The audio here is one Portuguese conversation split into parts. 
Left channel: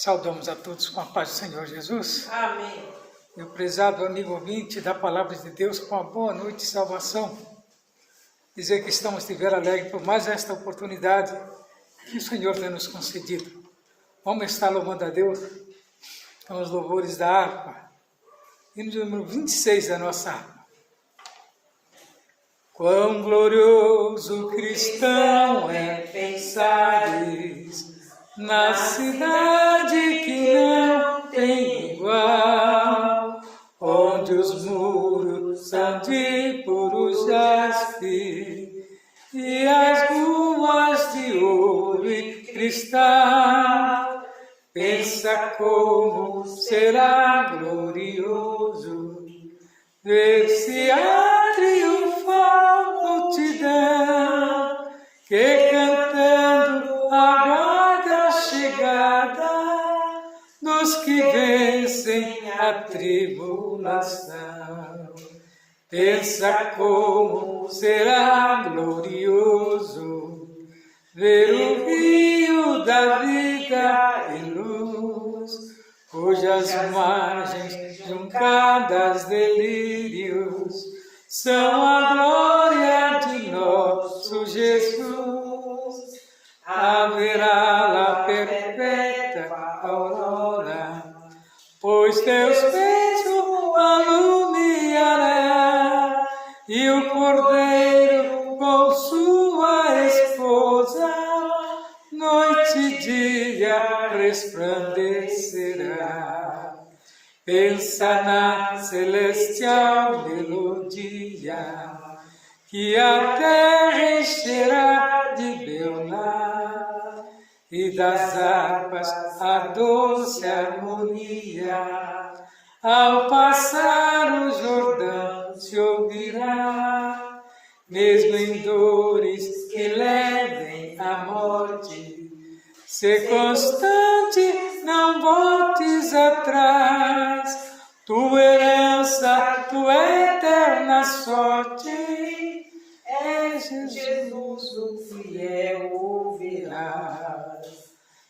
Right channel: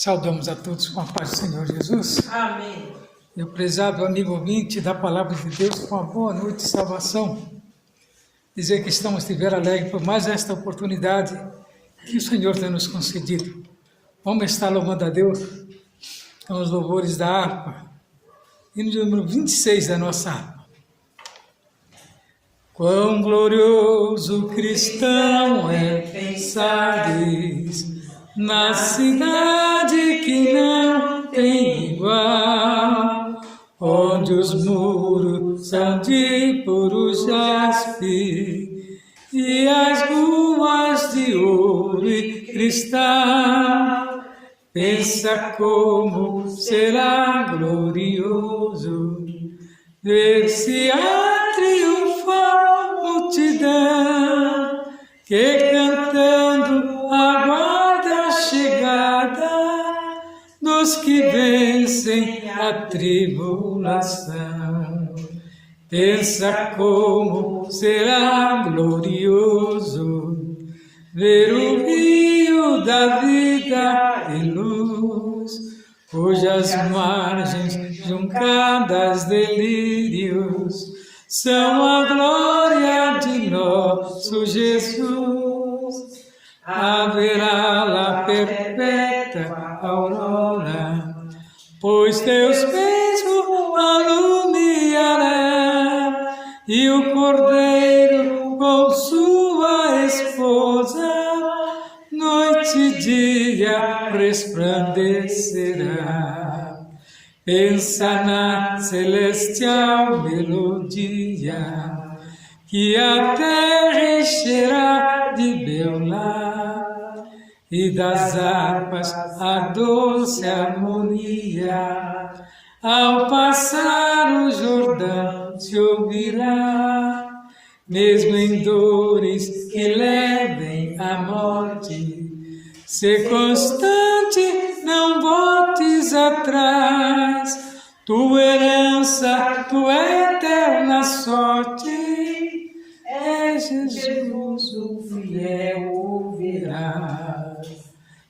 Saudamos a todos com a paz do Senhor Jesus. Amém. Meu prezado amigo ouvinte da Palavra de Deus, com a boa noite e salvação. Dizer que estamos de ver alegre por mais esta oportunidade que o Senhor tem nos concedido. Vamos estar louvando a Deus com os louvores da harpa. Hino de número 26 da nossa harpa. Quão glorioso cristão é pensares na cidade que não tem igual, onde os muros são de puro jaspe e as ruas de ouro e cristal. Pensa como será glorioso ver-se a triunfar multidão que cantando aguarda a chegada dos que vencem a tribulação. Pensa como será glorioso ver o rio da vida e luz, cujas margens juncadas delírios são a glória de nosso Jesus. Haverá lá perpétua aurora, pois Deus mesmo alumiará, e o Cordeiro com sua esposa noite e dia resplandecerá. Pensa na celestial melodia que a terra encherá de beular, e das harpas a doce harmonia ao passar o Jordão se ouvirá. Mesmo em dores que levem à morte, ser constante, não voltes atrás. Tua herança, tua eterna sorte, é Jesus o fiel ouvirás.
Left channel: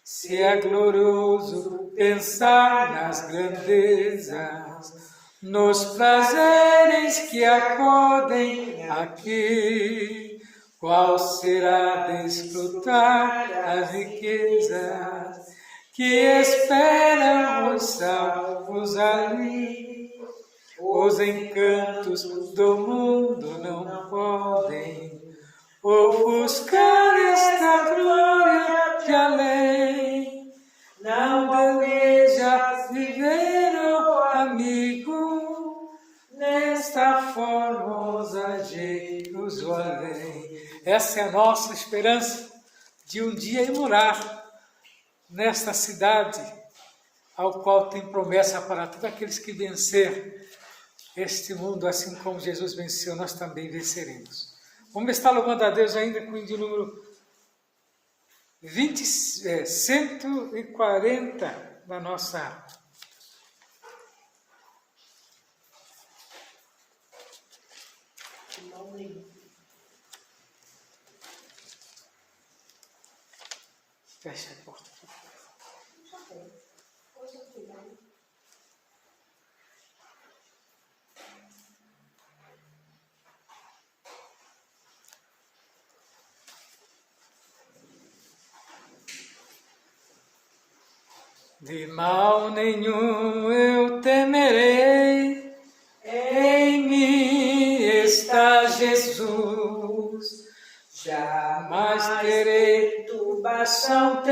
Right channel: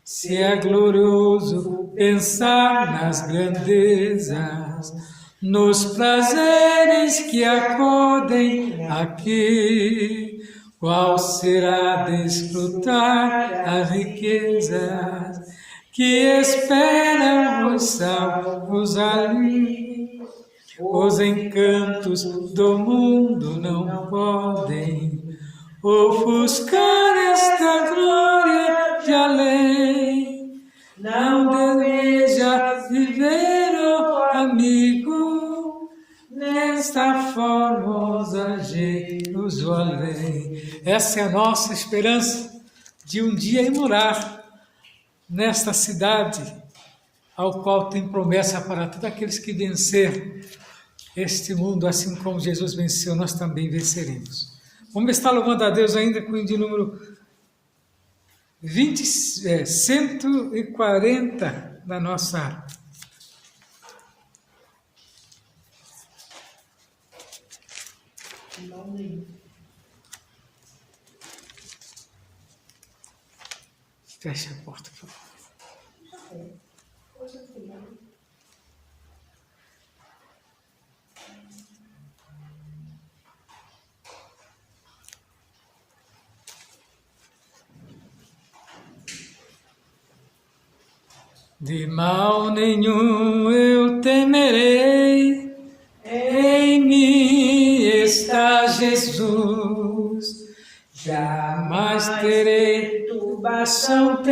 Se é glorioso pensar nas grandezas, nos prazeres que acodem aqui, qual será desfrutar as riquezas que esperam os salvos ali. Os encantos do mundo não podem ofuscar esta glória de além. Não deseja viver, oh amigo, nesta formosa Jerusalém. Essa é a nossa esperança de um dia ir morar nesta cidade, ao qual tem promessa para todos aqueles que vencer este mundo, assim como Jesus venceu, nós também venceremos. Vamos estar louvando a Deus ainda com o de número 140 da nossa harpa. Fecha a porta, por favor. De mal nenhum eu temerei, em mim está Jesus. Jamais terei turbação,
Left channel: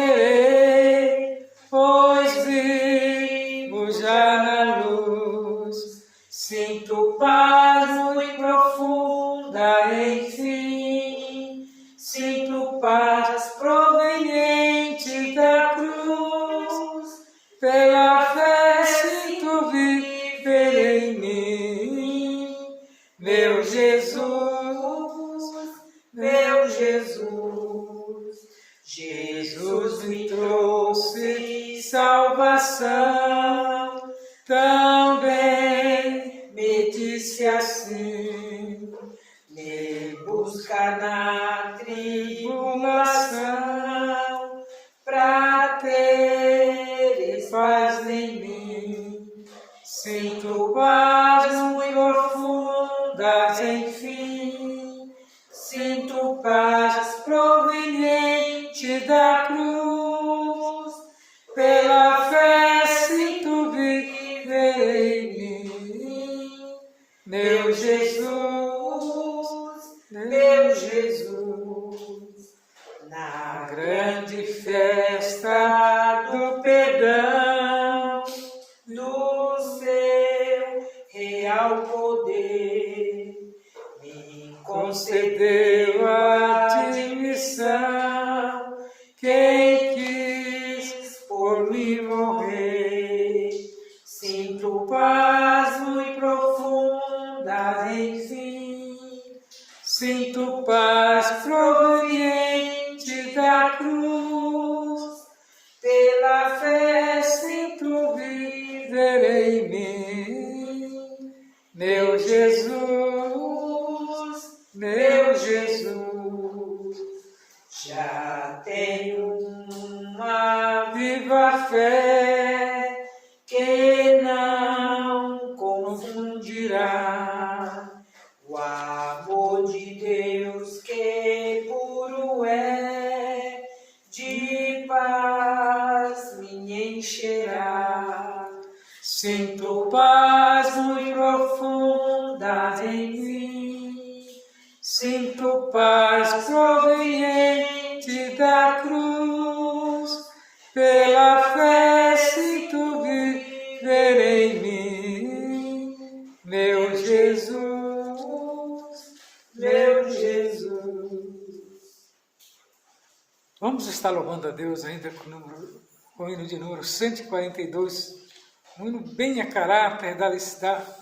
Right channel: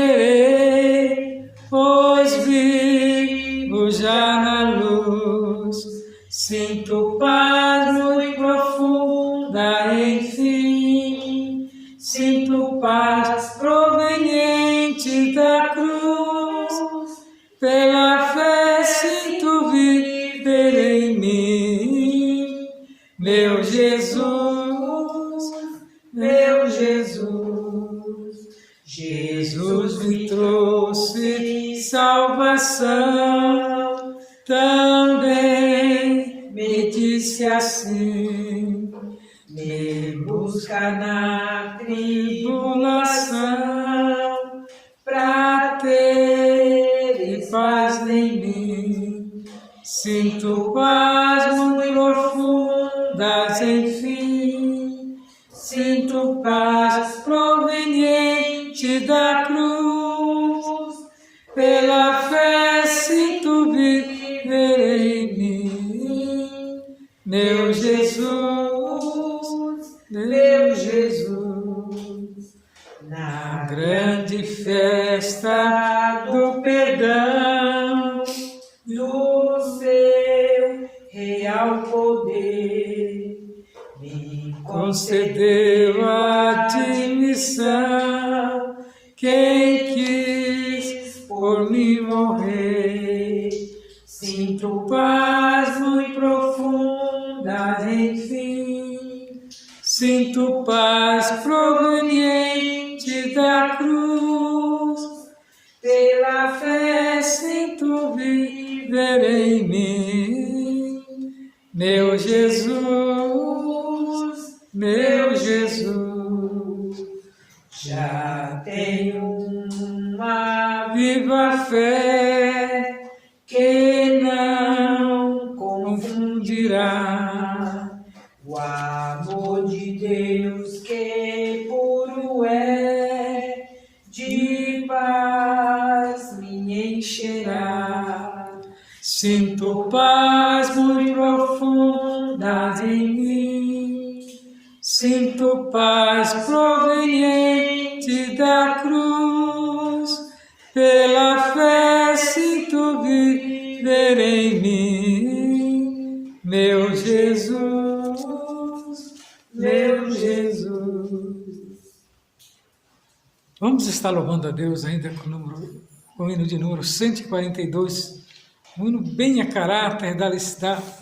pois vivo já na luz. Sinto paz muito profunda, enfim, sinto paz proveniente da cruz. Pela fé sinto viver em mim, meu Jesus, meu Jesus. Jesus me trouxe salvação, também me disse assim: me busca na tribulação, pra ter paz em mim. Sinto paz muito profundas, enfim. Sinto paz proveniente da cruz. Pela fé sinto viver em mim. Meu Jesus, meu Jesus. Na grande festa do perdão, do seu real poder, me concedeu a admissão. Quem quis por mim morrer, sinto paz muito profunda, enfim. Sinto paz proveniente da cruz. Pela fé sinto viver em mim. Meu Jesus, meu Jesus. Já tenho uma viva fé que não confundirá o amor de Deus que puro é, de paz me encherá. Sinto paz muito profunda em mim. Sinto paz proveniente da cruz. Pela fé sinto viver em mim. Meu Jesus, meu Jesus. Vamos estar louvando a Deus ainda com o hino de número 142, um hino bem a caráter da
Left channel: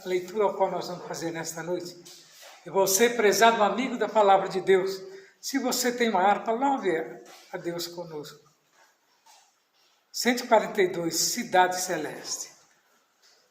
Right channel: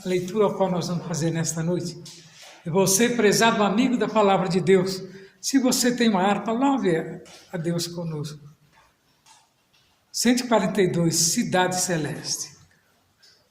leitura ao qual nós vamos fazer nesta noite. E você, prezado amigo da palavra de Deus, se você tem uma harpa, louve a Deus conosco. 142, Cidade Celeste.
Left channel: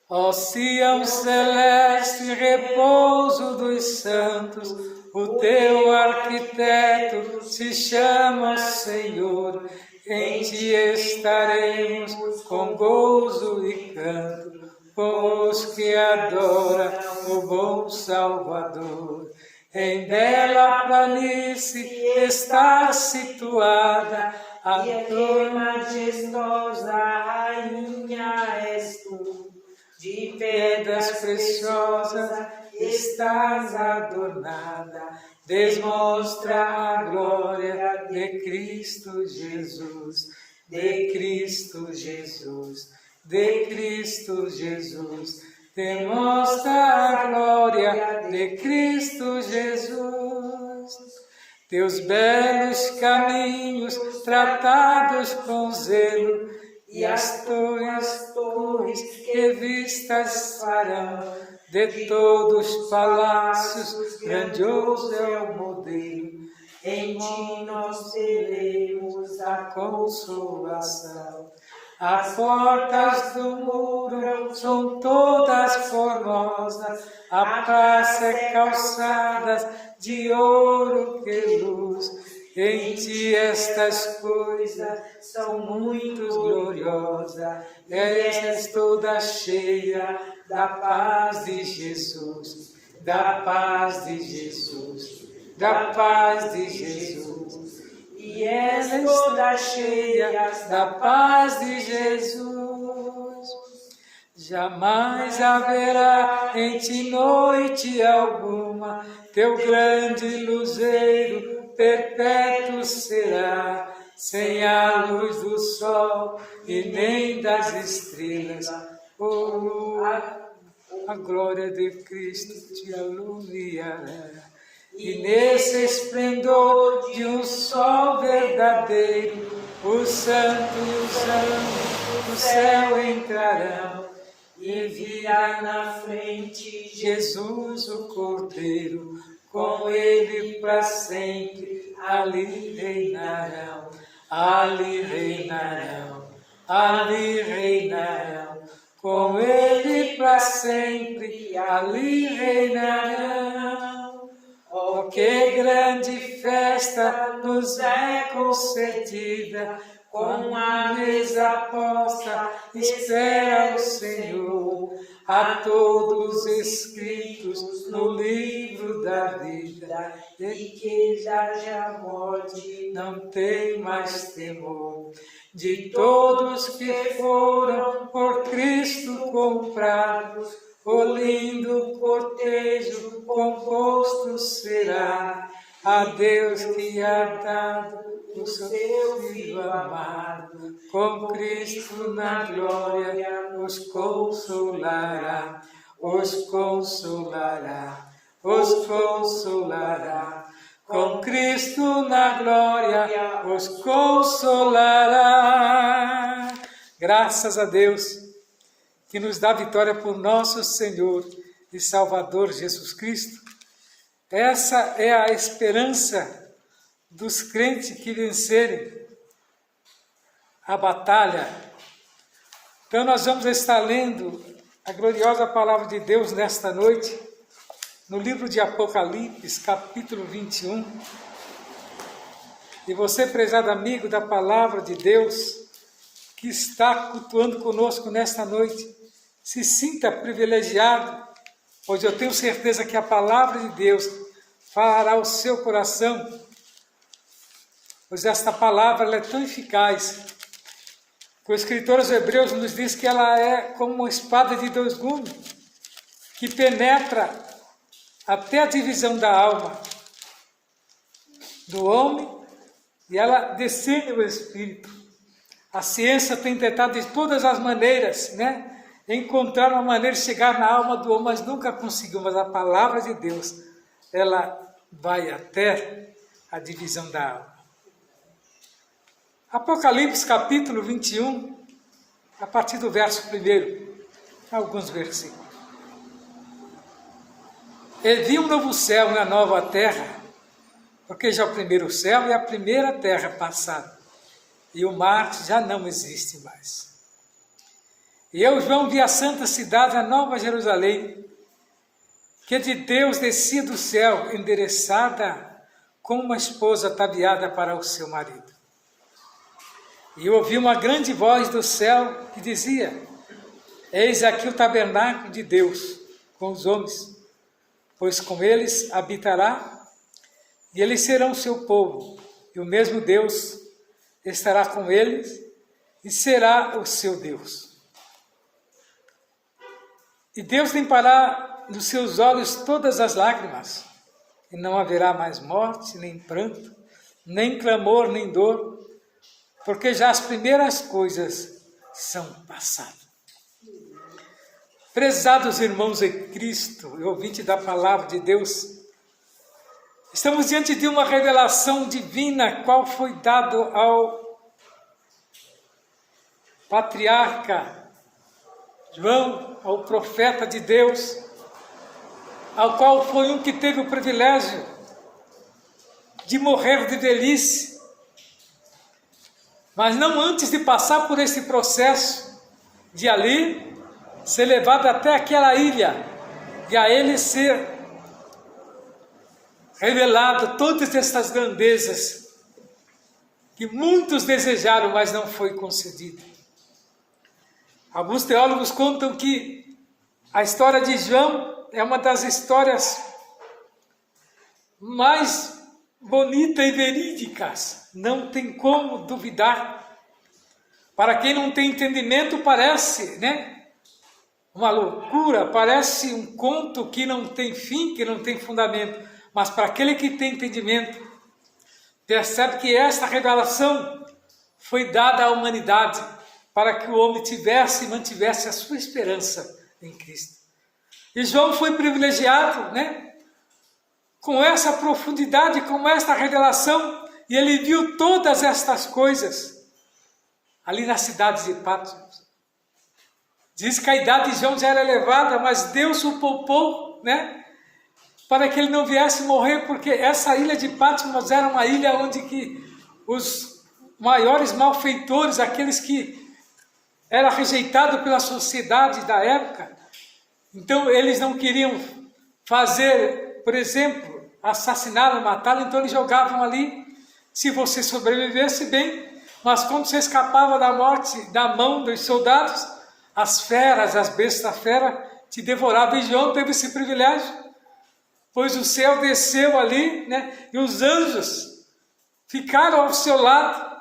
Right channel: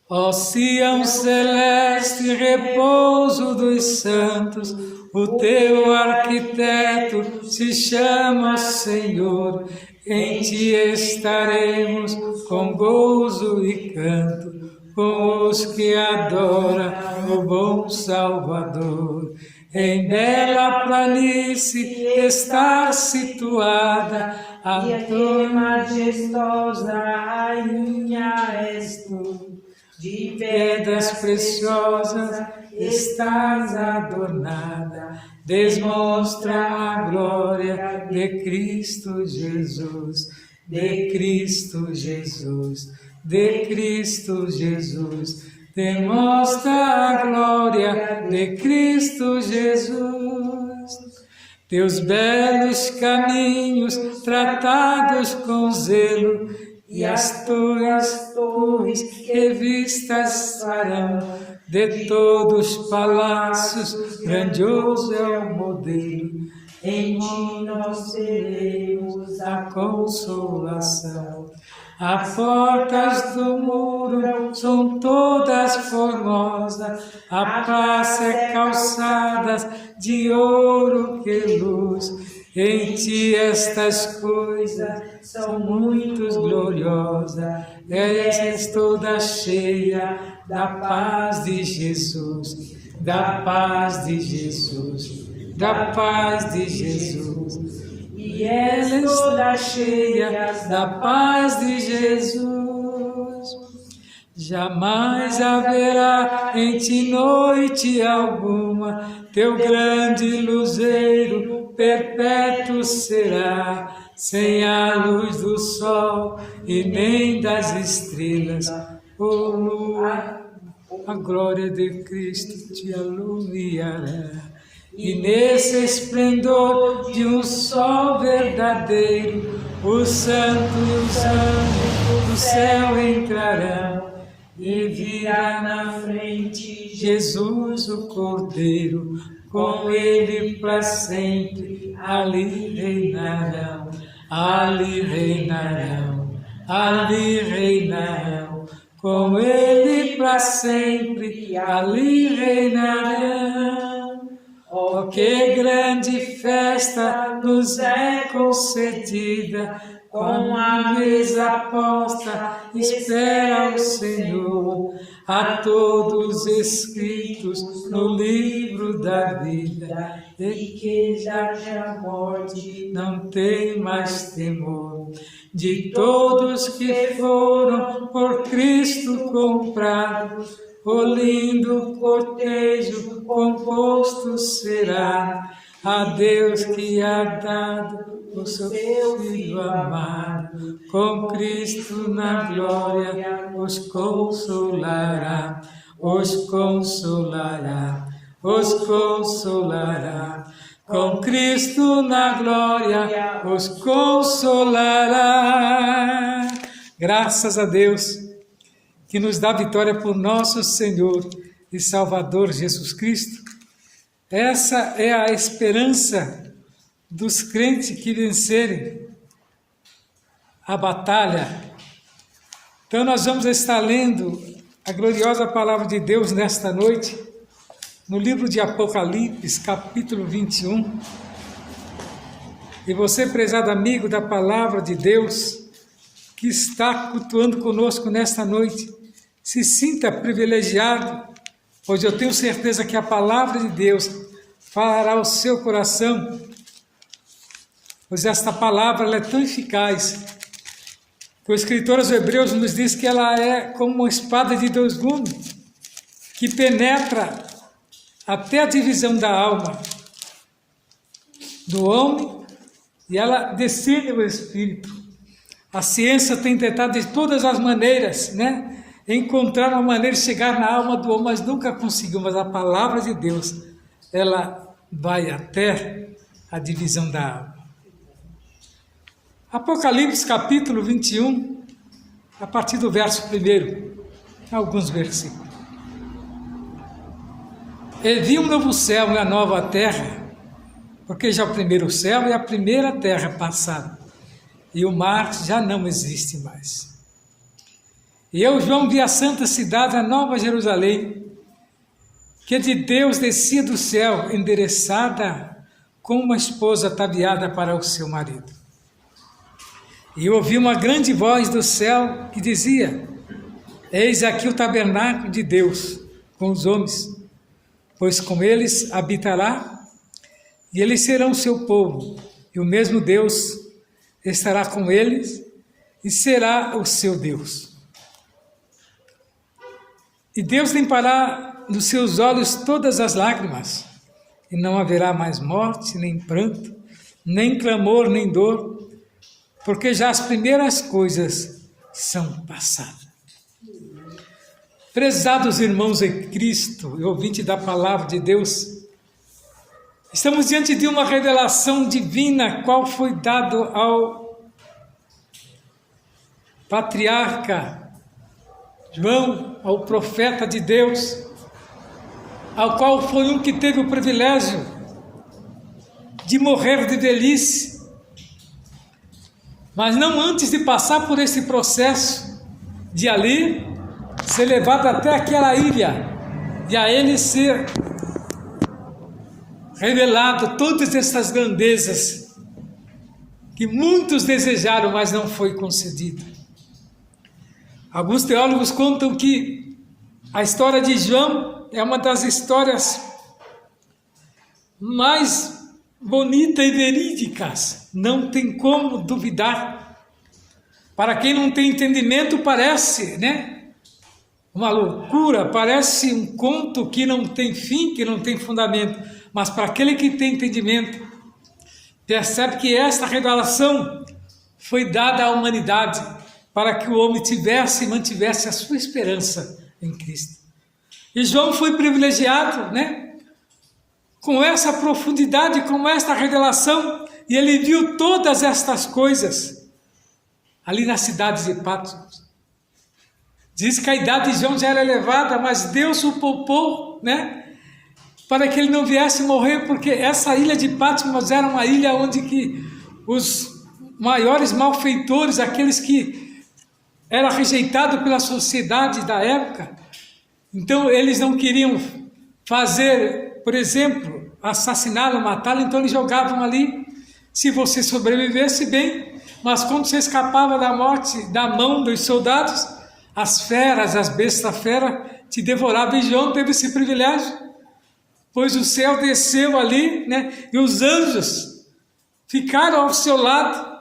Ó Sião celeste, repouso dos santos, o teu arquiteto se chama Senhor. Em ti estaremos com gozo e canto, com os que adoram o bom Salvador. Em bela planície está situada, a tua majestosa rainha és tu. De pedras preciosas estás adornada, demonstra a glória de Cristo Jesus, de Cristo Jesus, de Cristo Jesus. Demonstra a glória de Cristo Jesus. Teus belos caminhos tratados com zelo, e as tuas torres que vistas farão. De todos os palácios, grandioso é o modelo. Em ti nós teremos a consolação. As portas do muro são todas formosas, a praça é calçadas de ouro que luz. Em ti estas coisas são muito gloriosas, és toda cheia da paz de Jesus, da paz de Jesus, da paz de Jesus. E és toda cheia da paz de Jesus. Jamais haverá em ti noite alguma, teu grande luzeiro perpétuo será, sem a luz do sol e nem das estrelas. Oh, a glória de Cristo te alumiará. E nesse esplendor de um sol verdadeiro, os santos anjos do céu entrarão, e virá na frente Jesus o Cordeiro, com ele para sempre ali reinarão, ali reinarão, ali reinarão, com ele para sempre ali reinarão. Oh, que grande festa nos é concedida, com a mesa posta, espera o Senhor, a todos escritos no livro da vida, e que já a morte não tem mais temor. De todos que foram por Cristo comprados, o lindo cortejo composto será a Deus que há dado o seu Filho amado, com Cristo na glória os consolará, os consolará, os consolará. Com Cristo na glória os consolará. Graças a Deus que nos dá vitória por nosso Senhor e Salvador Jesus Cristo. Essa é a esperança dos crentes que vencerem a batalha. Então nós vamos estar lendo a gloriosa palavra de Deus nesta noite, no livro de Apocalipse, capítulo 21. E você, prezado amigo da palavra de Deus, que está cultuando conosco nesta noite, se sinta privilegiado, pois eu tenho certeza que a palavra de Deus falará ao seu coração, pois esta palavra ela é tão eficaz, que o escritor aos Hebreus nos diz que ela é como uma espada de dois gumes, que penetra até a divisão da alma do homem, e ela decide o espírito. A ciência tem tentado de todas as maneiras, encontrar uma maneira de chegar na alma do homem, mas nunca conseguiu. Mas a palavra de Deus, ela vai até a divisão da alma. Apocalipse capítulo 21, a partir do verso 1, alguns versículos. E vi um novo céu e uma nova terra, porque já o primeiro céu e a primeira terra passaram, e o mar já não existe mais. E eu, João, vi a santa cidade, a nova Jerusalém, que de Deus descia do céu, endereçada como uma esposa ataviada para o seu marido. E eu ouvi uma grande voz do céu que dizia: eis aqui o tabernáculo de Deus com os homens, pois com eles habitará, e eles serão o seu povo, e o mesmo Deus estará com eles, e será o seu Deus. E Deus limpará dos seus olhos todas as lágrimas, e não haverá mais morte, nem pranto, nem clamor, nem dor, porque já as primeiras coisas são passadas. Prezados irmãos em Cristo e ouvinte da palavra de Deus, estamos diante de uma revelação divina, qual foi dado ao patriarca João, ao profeta de Deus, ao qual foi um que teve o privilégio de morrer de velhice, mas não antes de passar por esse processo de ali ser levado até aquela ilha e a ele ser revelado todas essas grandezas que muitos desejaram, mas não foi concedido. Alguns teólogos contam que a história de João é uma das histórias mais bonitas e verídicas, não tem como duvidar. Para quem não tem entendimento parece, uma loucura, parece um conto que não tem fim, que não tem fundamento, mas para aquele que tem entendimento, percebe que esta revelação foi dada à humanidade para que o homem tivesse e mantivesse a sua esperança em Cristo. E João foi privilegiado, com essa profundidade, com esta revelação, e ele viu todas estas coisas ali na cidade de Patmos. Diz que a idade de João já era elevada, mas Deus o poupou, para que ele não viesse morrer, porque essa ilha de Patmos era uma ilha onde que os maiores malfeitores, aqueles que eram rejeitados pela sociedade da época, então eles não queriam fazer, por exemplo, assassiná-lo, matá-lo, então eles jogavam ali, se você sobrevivesse bem, mas quando você escapava da morte, da mão dos soldados, as feras, as bestas feras, te devoravam. E João teve esse privilégio, pois o céu desceu ali, né? E os anjos ficaram ao seu lado,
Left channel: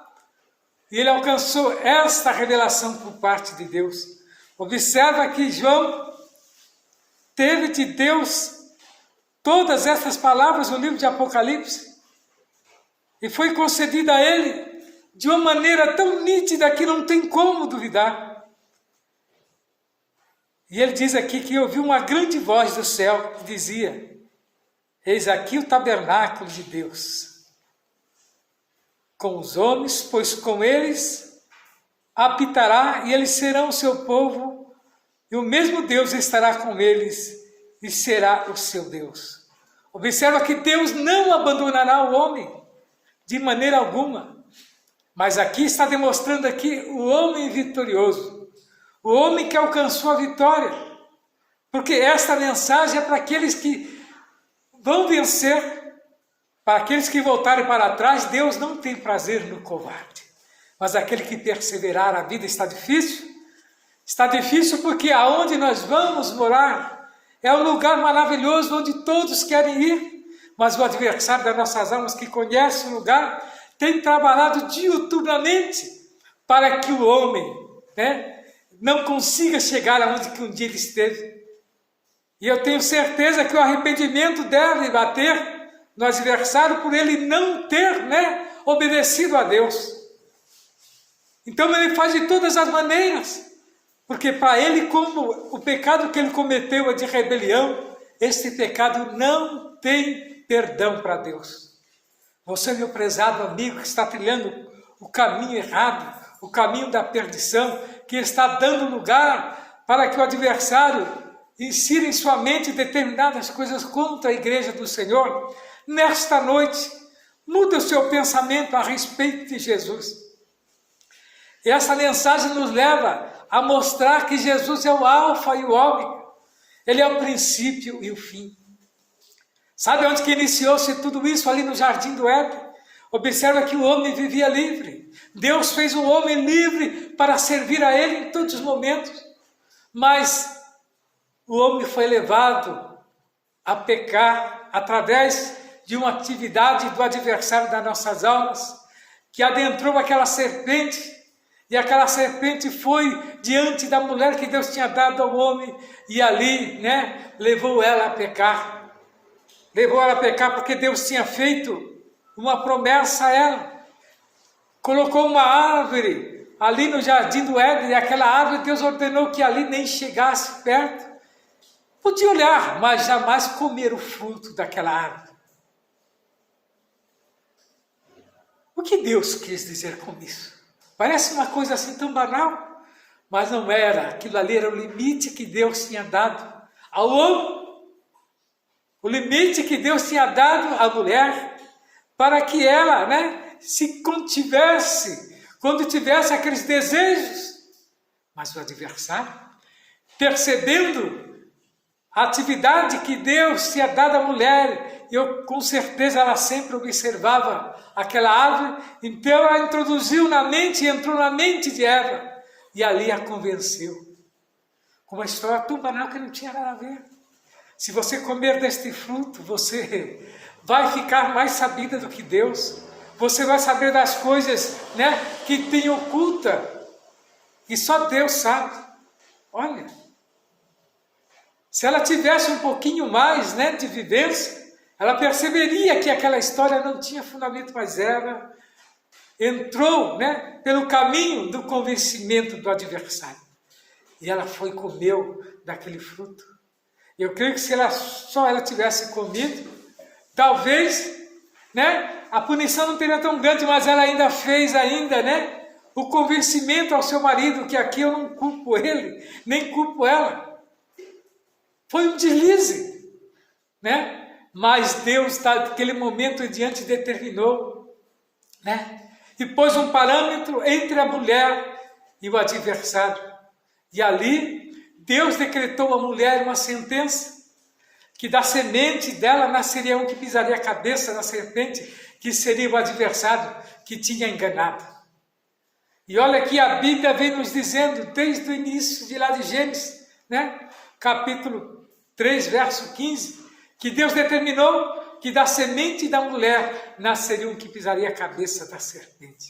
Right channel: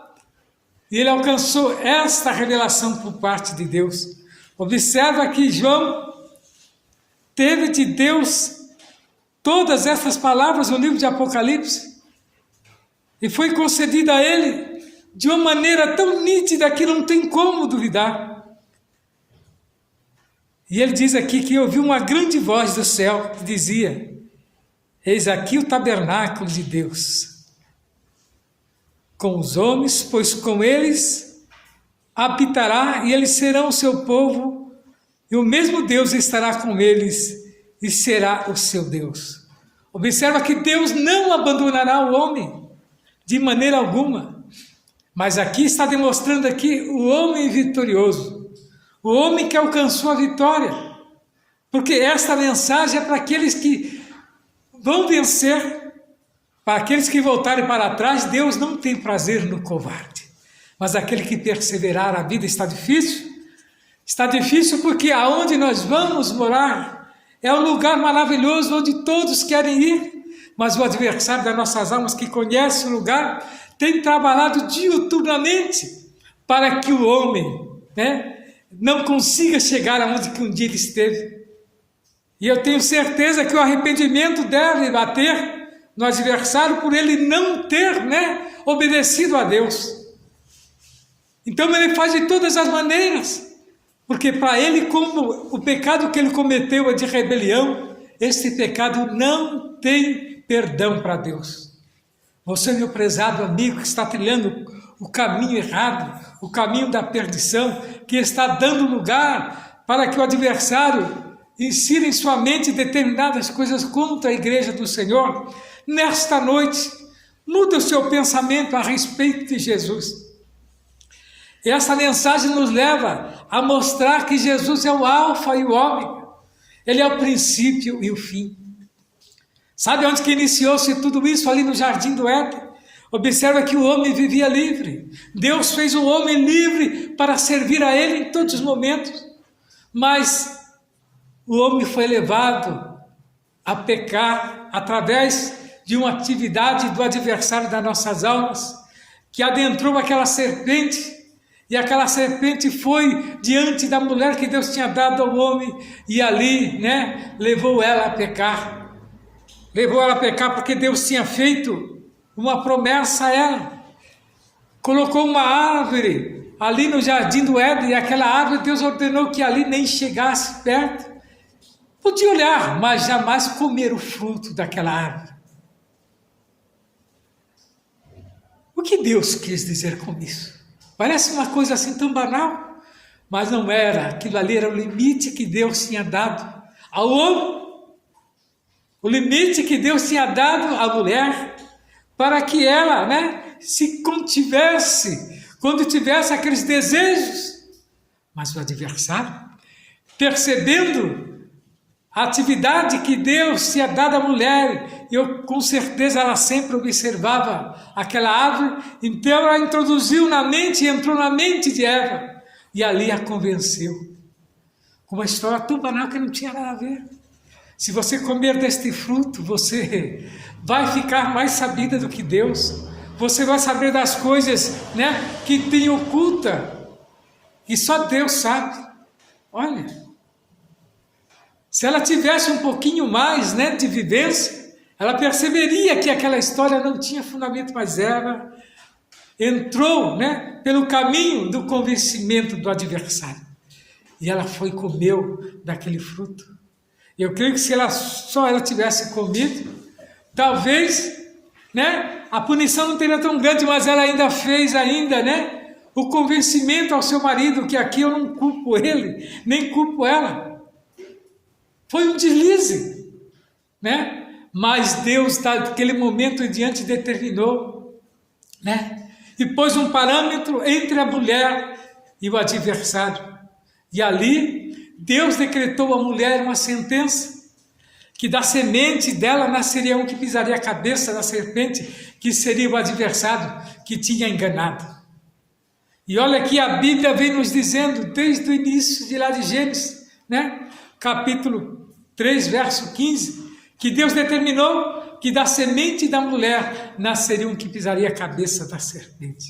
e ele alcançou esta revelação por parte de Deus. Observa que João teve de Deus todas essas palavras no livro de Apocalipse, e foi concedida a ele de uma maneira tão nítida que não tem como duvidar. E ele diz aqui que ouviu uma grande voz do céu que dizia: eis aqui o tabernáculo de Deus com os homens, pois com eles habitará, e eles serão o seu povo, e o mesmo Deus estará com eles e será o seu Deus. Observa que Deus não abandonará o homem de maneira alguma, mas aqui está demonstrando aqui o homem vitorioso, o homem que alcançou a vitória, porque esta mensagem é para aqueles que vão vencer. Para aqueles que voltarem para trás, Deus não tem prazer no covarde, mas aquele que perseverar. A vida está difícil porque aonde nós vamos morar é um lugar maravilhoso onde todos querem ir, mas o adversário das nossas almas, que conhece o lugar, tem trabalhado diuturnamente para que o homem, né, não consiga chegar aonde que um dia ele esteve. E eu tenho certeza que o arrependimento deve bater no adversário por ele não ter, né, obedecido a Deus. Então ele faz de todas as maneiras, porque para ele, como o pecado que ele cometeu é de rebelião, esse pecado não tem perdão para Deus. Você, meu prezado amigo, que está trilhando o caminho errado, o caminho da perdição, que está dando lugar para que o adversário insira em sua mente determinadas coisas contra a igreja do Senhor, nesta noite, muda o seu pensamento a respeito de Jesus. E essa mensagem nos leva a mostrar que Jesus é o alfa e o ômega. Ele é o princípio e o fim. Sabe onde que iniciou-se tudo isso? Ali no jardim do Éden. Observa que o homem vivia livre. Deus fez o homem livre para servir a ele em todos os momentos. Mas o homem foi levado a pecar através de uma atividade do adversário das nossas almas, que adentrou aquela serpente, e aquela serpente foi diante da mulher que Deus tinha dado ao homem, e ali, né, levou ela a pecar. Levou ela a pecar porque Deus tinha feito uma promessa a ela. Colocou uma árvore ali no jardim do Éden, e aquela árvore Deus ordenou que ali nem chegasse perto. Podia olhar, mas jamais comer o fruto daquela árvore. O que Deus quis dizer com isso? Parece uma coisa assim tão banal, mas não era. Aquilo ali era o limite que Deus tinha dado ao homem, o limite que Deus tinha dado à mulher, para que ela, né, se contivesse quando tivesse aqueles desejos. Mas o adversário, percebendo a atividade que Deus tinha dado à mulher, com certeza ela sempre observava aquela árvore, então ela introduziu na mente, entrou na mente de Eva, e ali a convenceu. Com uma história tão banal que não tinha nada a ver. Se você comer deste fruto, você vai ficar mais sabida do que Deus. Você vai saber das coisas, né, que tem oculta, e só Deus sabe. Olha, se ela tivesse um pouquinho mais, né, de vivência, ela perceberia que aquela história não tinha fundamento, mas ela entrou, né, pelo caminho do convencimento do adversário. E ela foi e comeu daquele fruto. Eu creio que se ela tivesse comido, talvez, né, a punição não teria tão grande, mas ela ainda fez né, o convencimento ao seu marido, que aqui eu não culpo ele, nem culpo ela. Foi um deslize, né? Mas Deus, naquele momento em diante, determinou, né, e pôs um parâmetro entre a mulher e o adversário. E ali, Deus decretou à mulher uma sentença, que da semente dela nasceria um que pisaria a cabeça da serpente, que seria o adversário que tinha enganado. E olha que a Bíblia vem nos dizendo, desde o início de lá de Gênesis, né? Capítulo 3, verso 15, que Deus determinou que da semente da mulher nasceria um que pisaria a cabeça da serpente.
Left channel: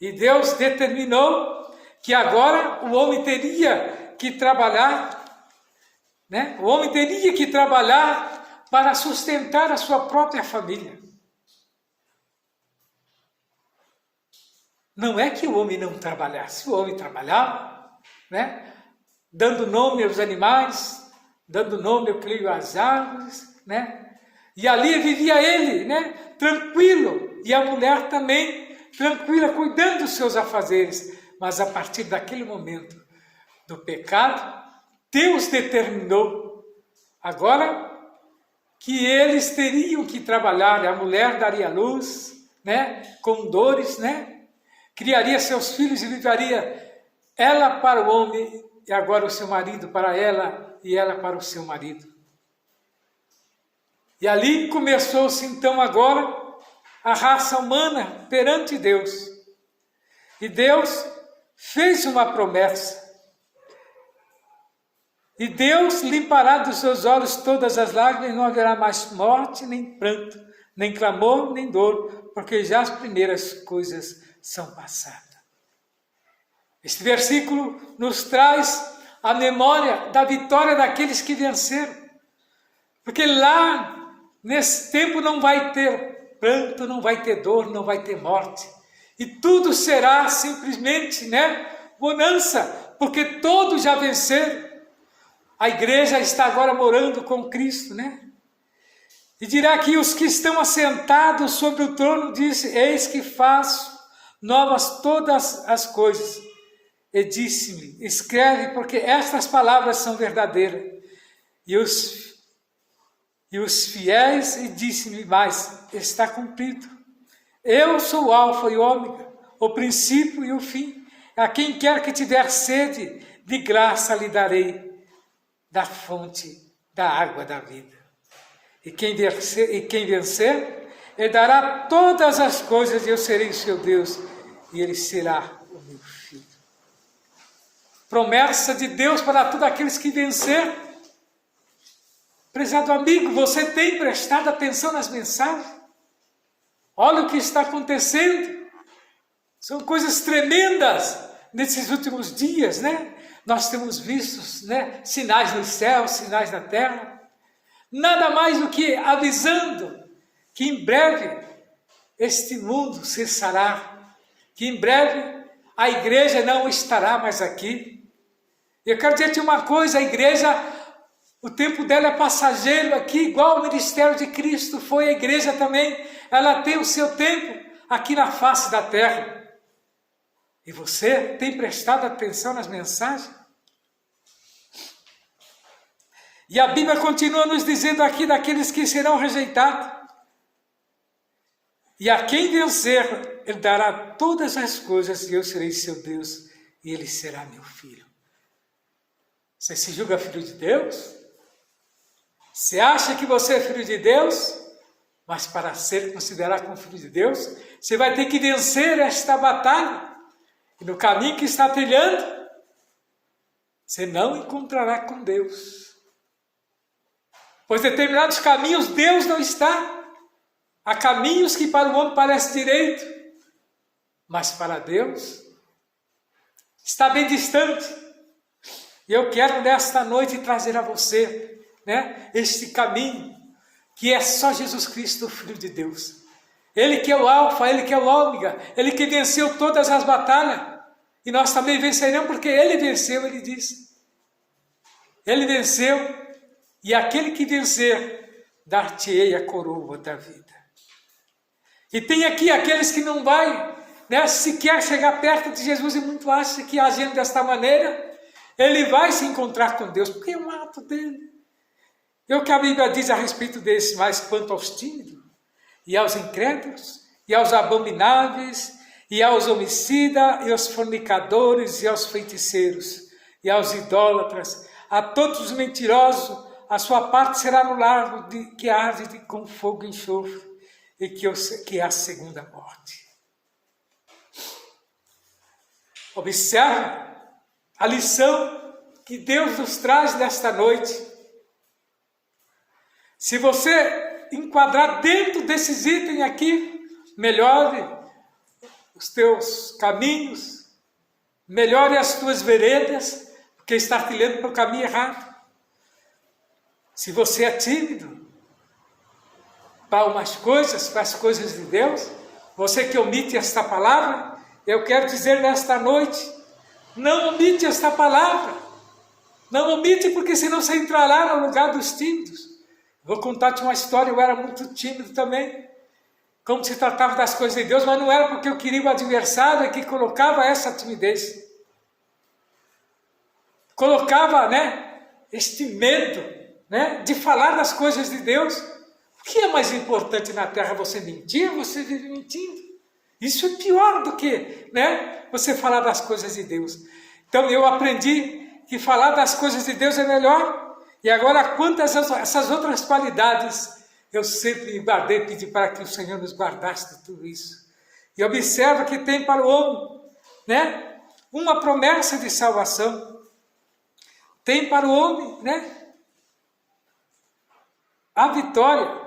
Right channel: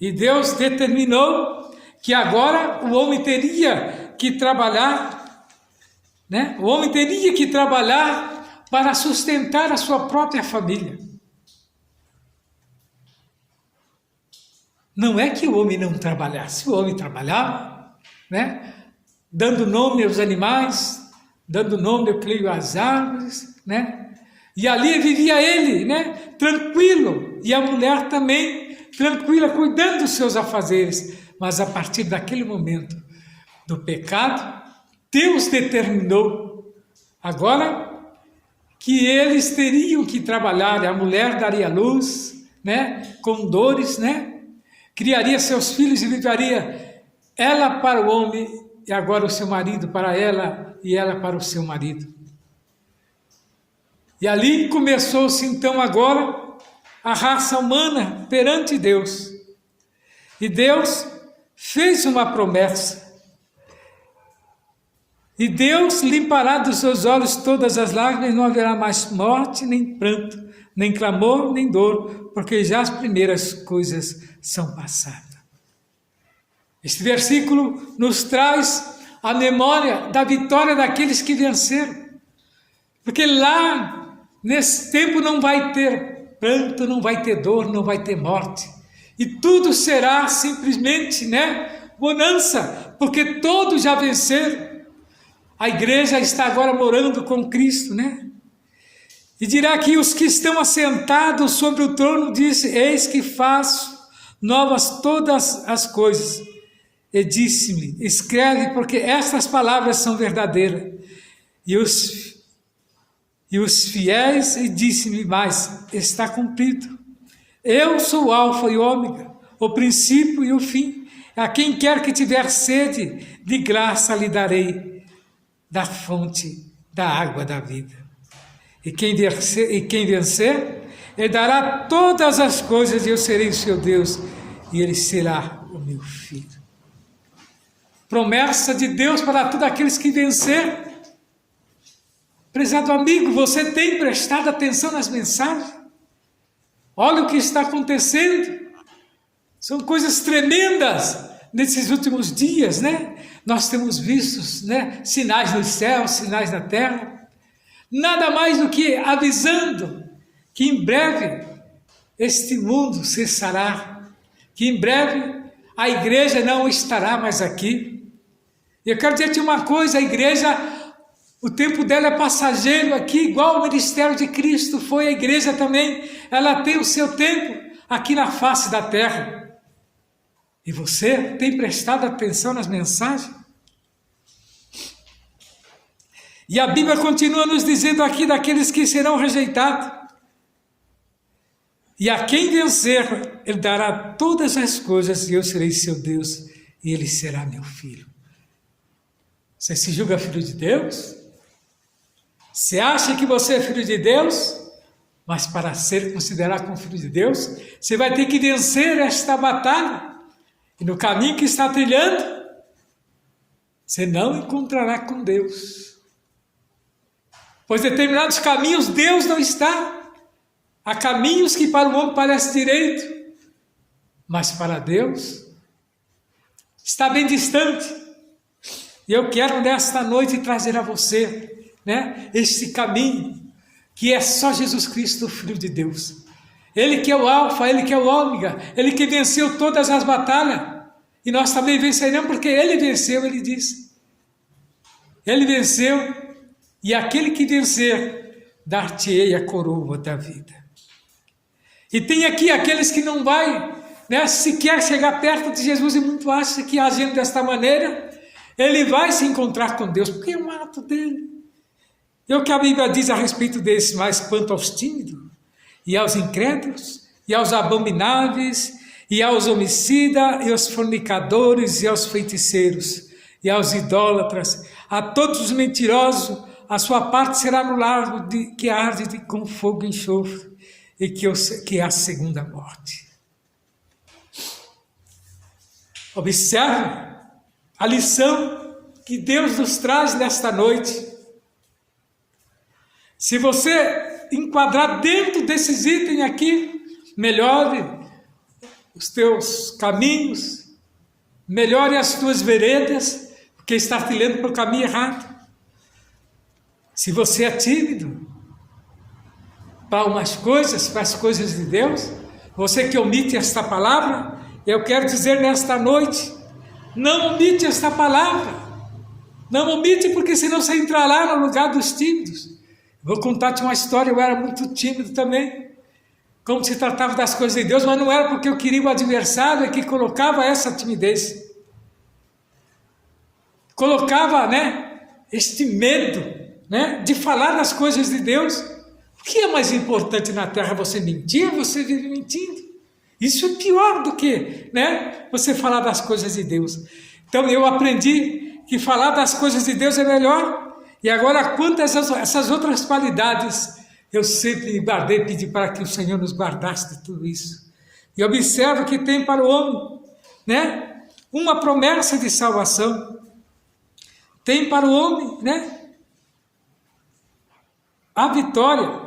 E Deus determinou que agora o homem teria que trabalhar, né? O homem teria que trabalhar para sustentar a sua própria família. Não é que o homem não trabalhasse, o homem trabalhava, né? Dando nome aos animais, dando nome, eu creio, às árvores, né? E ali vivia ele, né? Tranquilo, e a mulher também tranquila, cuidando dos seus afazeres. Mas a partir daquele momento do pecado, Deus determinou agora que eles teriam que trabalhar, a mulher daria luz, né? Com dores, né? Criaria seus filhos e viveria ela para o homem e agora o seu marido para ela e ela para o seu marido. E ali começou-se então agora a raça humana perante Deus. E Deus fez uma promessa. E Deus limpará dos seus olhos todas as lágrimas, não haverá mais morte, nem pranto, nem clamor, nem dor, porque já as primeiras coisas são passadas. Este versículo nos traz a memória da vitória daqueles que venceram. Porque lá, nesse tempo, não vai ter pranto, não vai ter dor, não vai ter morte. E tudo será simplesmente, né, bonança, porque todos já venceram. A igreja está agora morando com Cristo, né? E dirá que os que estão assentados sobre o trono disse: eis que faço novas todas as coisas. E disse-me: escreve, porque estas palavras são verdadeiras. E os fiéis, e disse-me mais: está cumprido. Eu sou o alfa e o ômega, o princípio e o fim. A quem quer que tiver sede, de graça lhe darei da fonte da água da vida. E quem vencer, ele dará todas as coisas, e eu serei o seu Deus, e ele será o meu filho. Promessa de Deus para todos aqueles que venceram. Prezado amigo, você tem prestado atenção nas mensagens? Olha o que está acontecendo. São coisas tremendas nesses últimos dias, né? Nós temos visto, né, sinais nos céus, sinais na terra. Nada mais do que avisando que em breve este mundo cessará, que em breve a igreja não estará mais aqui. E eu quero dizer-te uma coisa: a igreja, o tempo dela é passageiro aqui, igual o ministério de Cristo foi, a igreja também, ela tem o seu tempo aqui na face da terra. E você tem prestado atenção nas mensagens? E a Bíblia continua nos dizendo aqui daqueles que serão rejeitados. E a quem vencer, ele dará todas as coisas, e eu serei seu Deus, e ele será meu filho. Você se julga filho de Deus? Você acha que você é filho de Deus? Mas para ser considerado como filho de Deus, você vai ter que vencer esta batalha. E no caminho que está trilhando, você não encontrará com Deus. Pois determinados caminhos Deus não está. Há caminhos que para o homem parecem direito, mas para Deus está bem distante. E eu quero nesta noite trazer a você, né, este caminho que é só Jesus Cristo, o Filho de Deus. Ele que é o alfa, ele que é o ômega, ele que venceu todas as batalhas. E nós também venceremos porque ele venceu, ele disse. Ele venceu, e aquele que vencer, dar-te-ei a coroa da vida. E tem aqui aqueles que não vai, né, sequer chegar perto de Jesus, e muito acha que agindo desta maneira, ele vai se encontrar com Deus, porque é um ato dele. E o que a Bíblia diz a respeito desse, mas quanto aos tímidos, e aos incrédulos, e aos abomináveis, e aos homicidas, e aos fornicadores, e aos feiticeiros, e aos idólatras, a todos os mentirosos, a sua parte será no lago que arde com fogo e enxofre, e que é a segunda morte. Observe a lição que Deus nos traz nesta noite. Se você enquadrar dentro desses itens aqui, melhore os teus caminhos, melhore as tuas veredas, porque está trilhando para o caminho errado. Se você é tímido para umas coisas, para as coisas de Deus, você que omite esta palavra, eu quero dizer nesta noite, não omite esta palavra, não omite, porque senão você entrará no lugar dos tímidos. Vou contar-te uma história, eu era muito tímido também, como se tratava das coisas de Deus, mas não era porque eu queria o adversário que colocava essa timidez. Colocava, este medo, de falar das coisas de Deus. O que é mais importante na terra, você mentir ou você vive mentindo? Isso é pior do que, você falar das coisas de Deus. Então eu aprendi que falar das coisas de Deus é melhor. E agora, quanto a essas outras qualidades, eu sempre guardei, pedi para que o Senhor nos guardasse de tudo isso. E observa que tem para o homem, uma promessa de salvação. Tem para o homem, a vitória.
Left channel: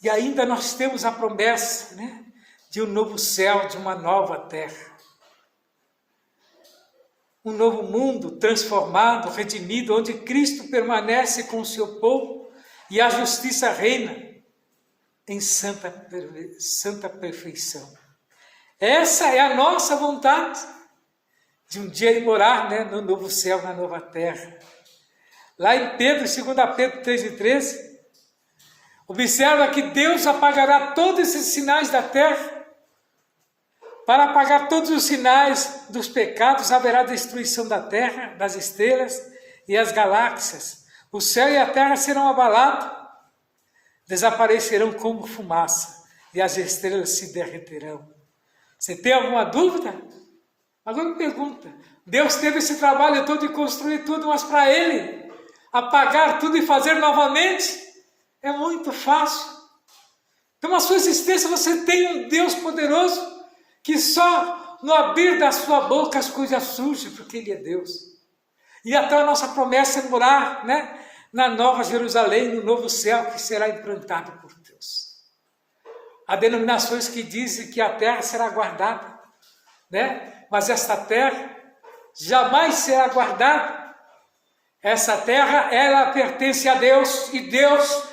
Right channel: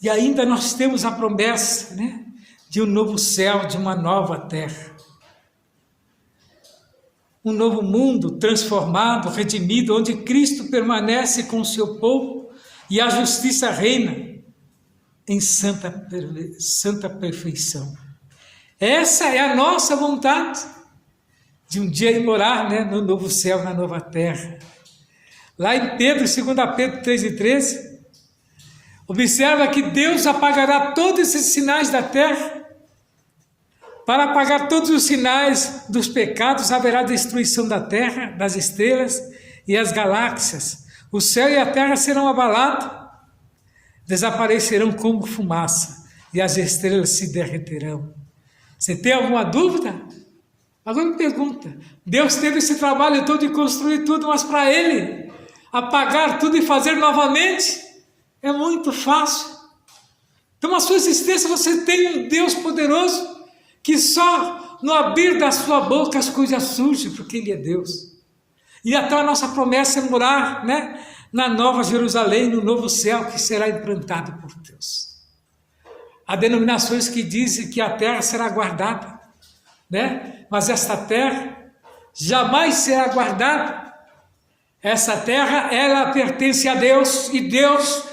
E ainda nós temos a promessa, de um novo céu, de uma nova terra. Um novo mundo transformado, redimido, onde Cristo permanece com o seu povo e a justiça reina em santa perfeição. Essa é a nossa vontade, de um dia ir morar no novo céu, na nova terra. Lá em Pedro, 2 Pedro 3:13, observa que Deus apagará todos esses sinais da terra. Para apagar todos os sinais dos pecados, haverá destruição da terra, das estrelas e as galáxias. O céu e a terra serão abalados, desaparecerão como fumaça, e as estrelas se derreterão. Você tem alguma dúvida? Agora me pergunta, Deus teve esse trabalho todo de construir tudo, mas para Ele apagar tudo e fazer novamente, é muito fácil. Então, na sua existência, você tem um Deus poderoso, que só no abrir da sua boca as coisas surgem, porque Ele é Deus. E até a nossa promessa é morar, na Nova Jerusalém, no novo céu que será implantado por Deus. Há denominações que dizem que a terra será guardada, mas esta terra jamais será guardada. Essa terra, ela pertence a Deus, e Deus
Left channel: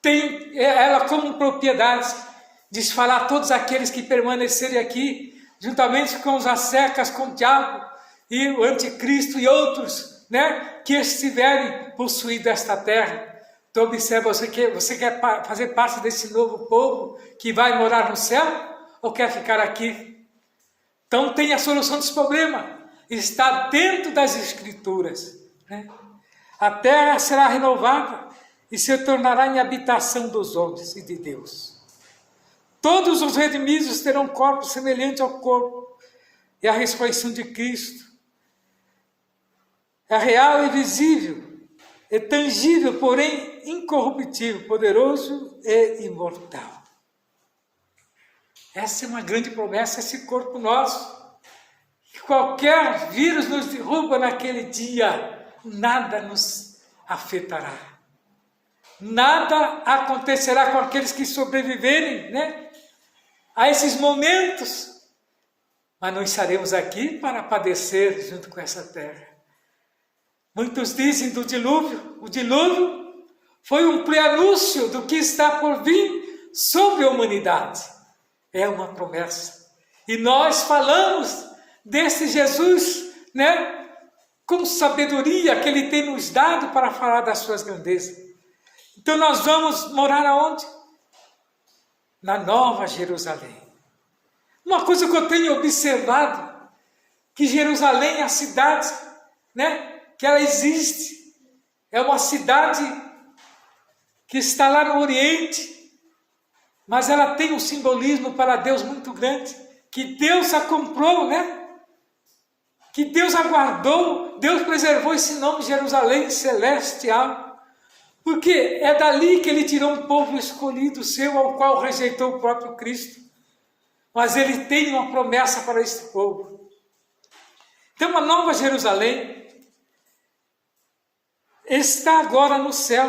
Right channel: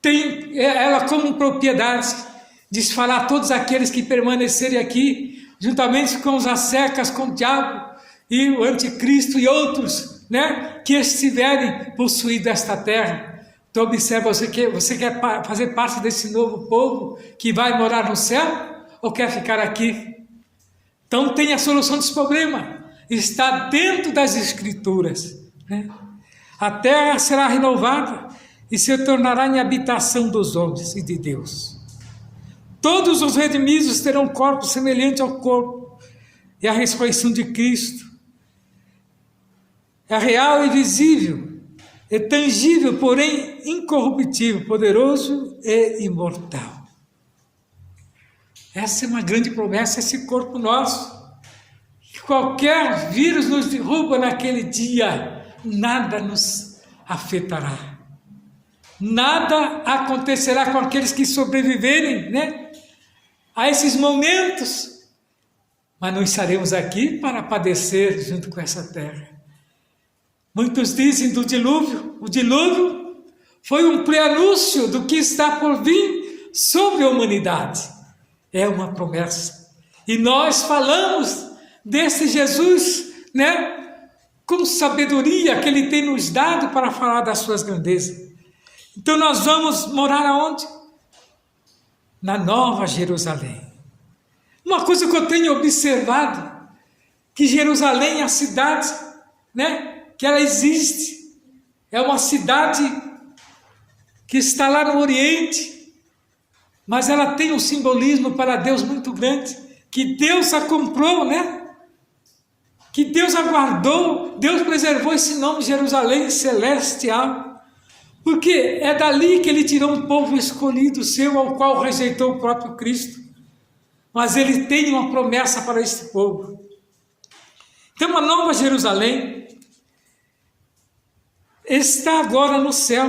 tem ela como propriedade. Diz falar a todos aqueles que permanecerem aqui, juntamente com os assecas, com o diabo e o anticristo e outros, que estiverem possuídos esta terra. Então observa, você quer fazer parte desse novo povo que vai morar no céu, ou quer ficar aqui? Então tem a solução desse problema, está dentro das Escrituras. A terra será renovada e se tornará em habitação dos homens e de Deus. Todos os redimidos terão corpo semelhante ao corpo e à ressurreição de Cristo. É real e visível, é tangível, porém incorruptível, poderoso e imortal. Essa é uma grande promessa, esse corpo nosso. Que qualquer vírus nos derruba naquele dia, nada nos afetará. Nada acontecerá com aqueles que sobreviverem, a esses momentos, mas não estaremos aqui para padecer junto com essa terra. Muitos dizem do dilúvio, o dilúvio foi um prenúncio do que está por vir sobre a humanidade. É uma promessa. E nós falamos desse Jesus, com sabedoria que Ele tem nos dado para falar das suas grandezas. Então nós vamos morar aonde? Na Nova Jerusalém. Uma coisa que eu tenho observado, que Jerusalém é a cidade, que ela existe. É uma cidade que está lá no Oriente, mas ela tem um simbolismo para Deus muito grande, que Deus a comprou, que Deus a guardou, Deus preservou esse nome Jerusalém celestial. Porque é dali que Ele tirou um povo escolhido seu, ao qual rejeitou o próprio Cristo. Mas Ele tem uma promessa para este povo. Então a Nova Jerusalém está agora no céu.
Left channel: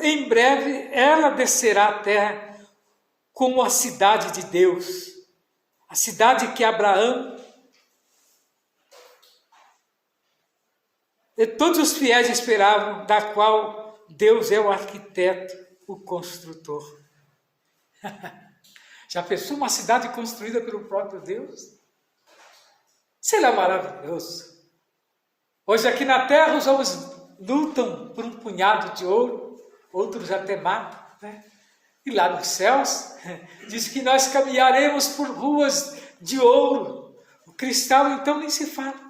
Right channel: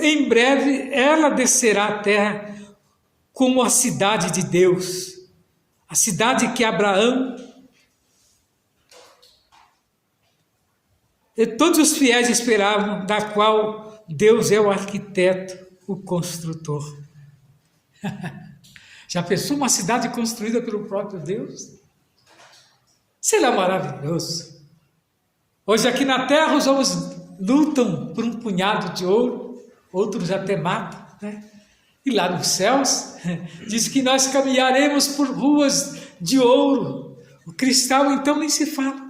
Em breve, ela descerá à terra como a cidade de Deus. A cidade que Abraão e todos os fiéis esperavam, da qual Deus é o arquiteto, o construtor. Já pensou uma cidade construída pelo próprio Deus? Será maravilhoso. Hoje aqui na terra os homens lutam por um punhado de ouro, outros até matam, né? E lá nos céus, diz que nós caminharemos por ruas de ouro. O cristal então nem se fala.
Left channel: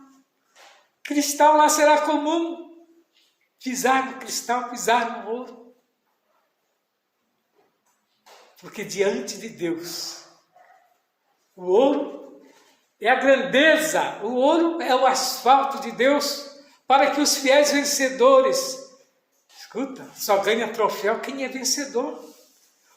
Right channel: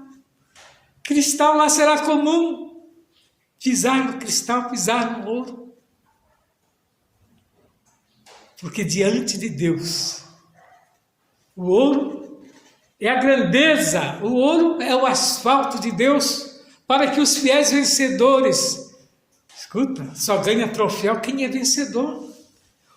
Cristal lá será comum. Pisar no cristal, pisar no ouro. Porque diante de Deus, o ouro é a grandeza, o ouro é o asfalto de Deus, para que os fiéis vencedores, escuta, só ganha troféu quem é vencedor.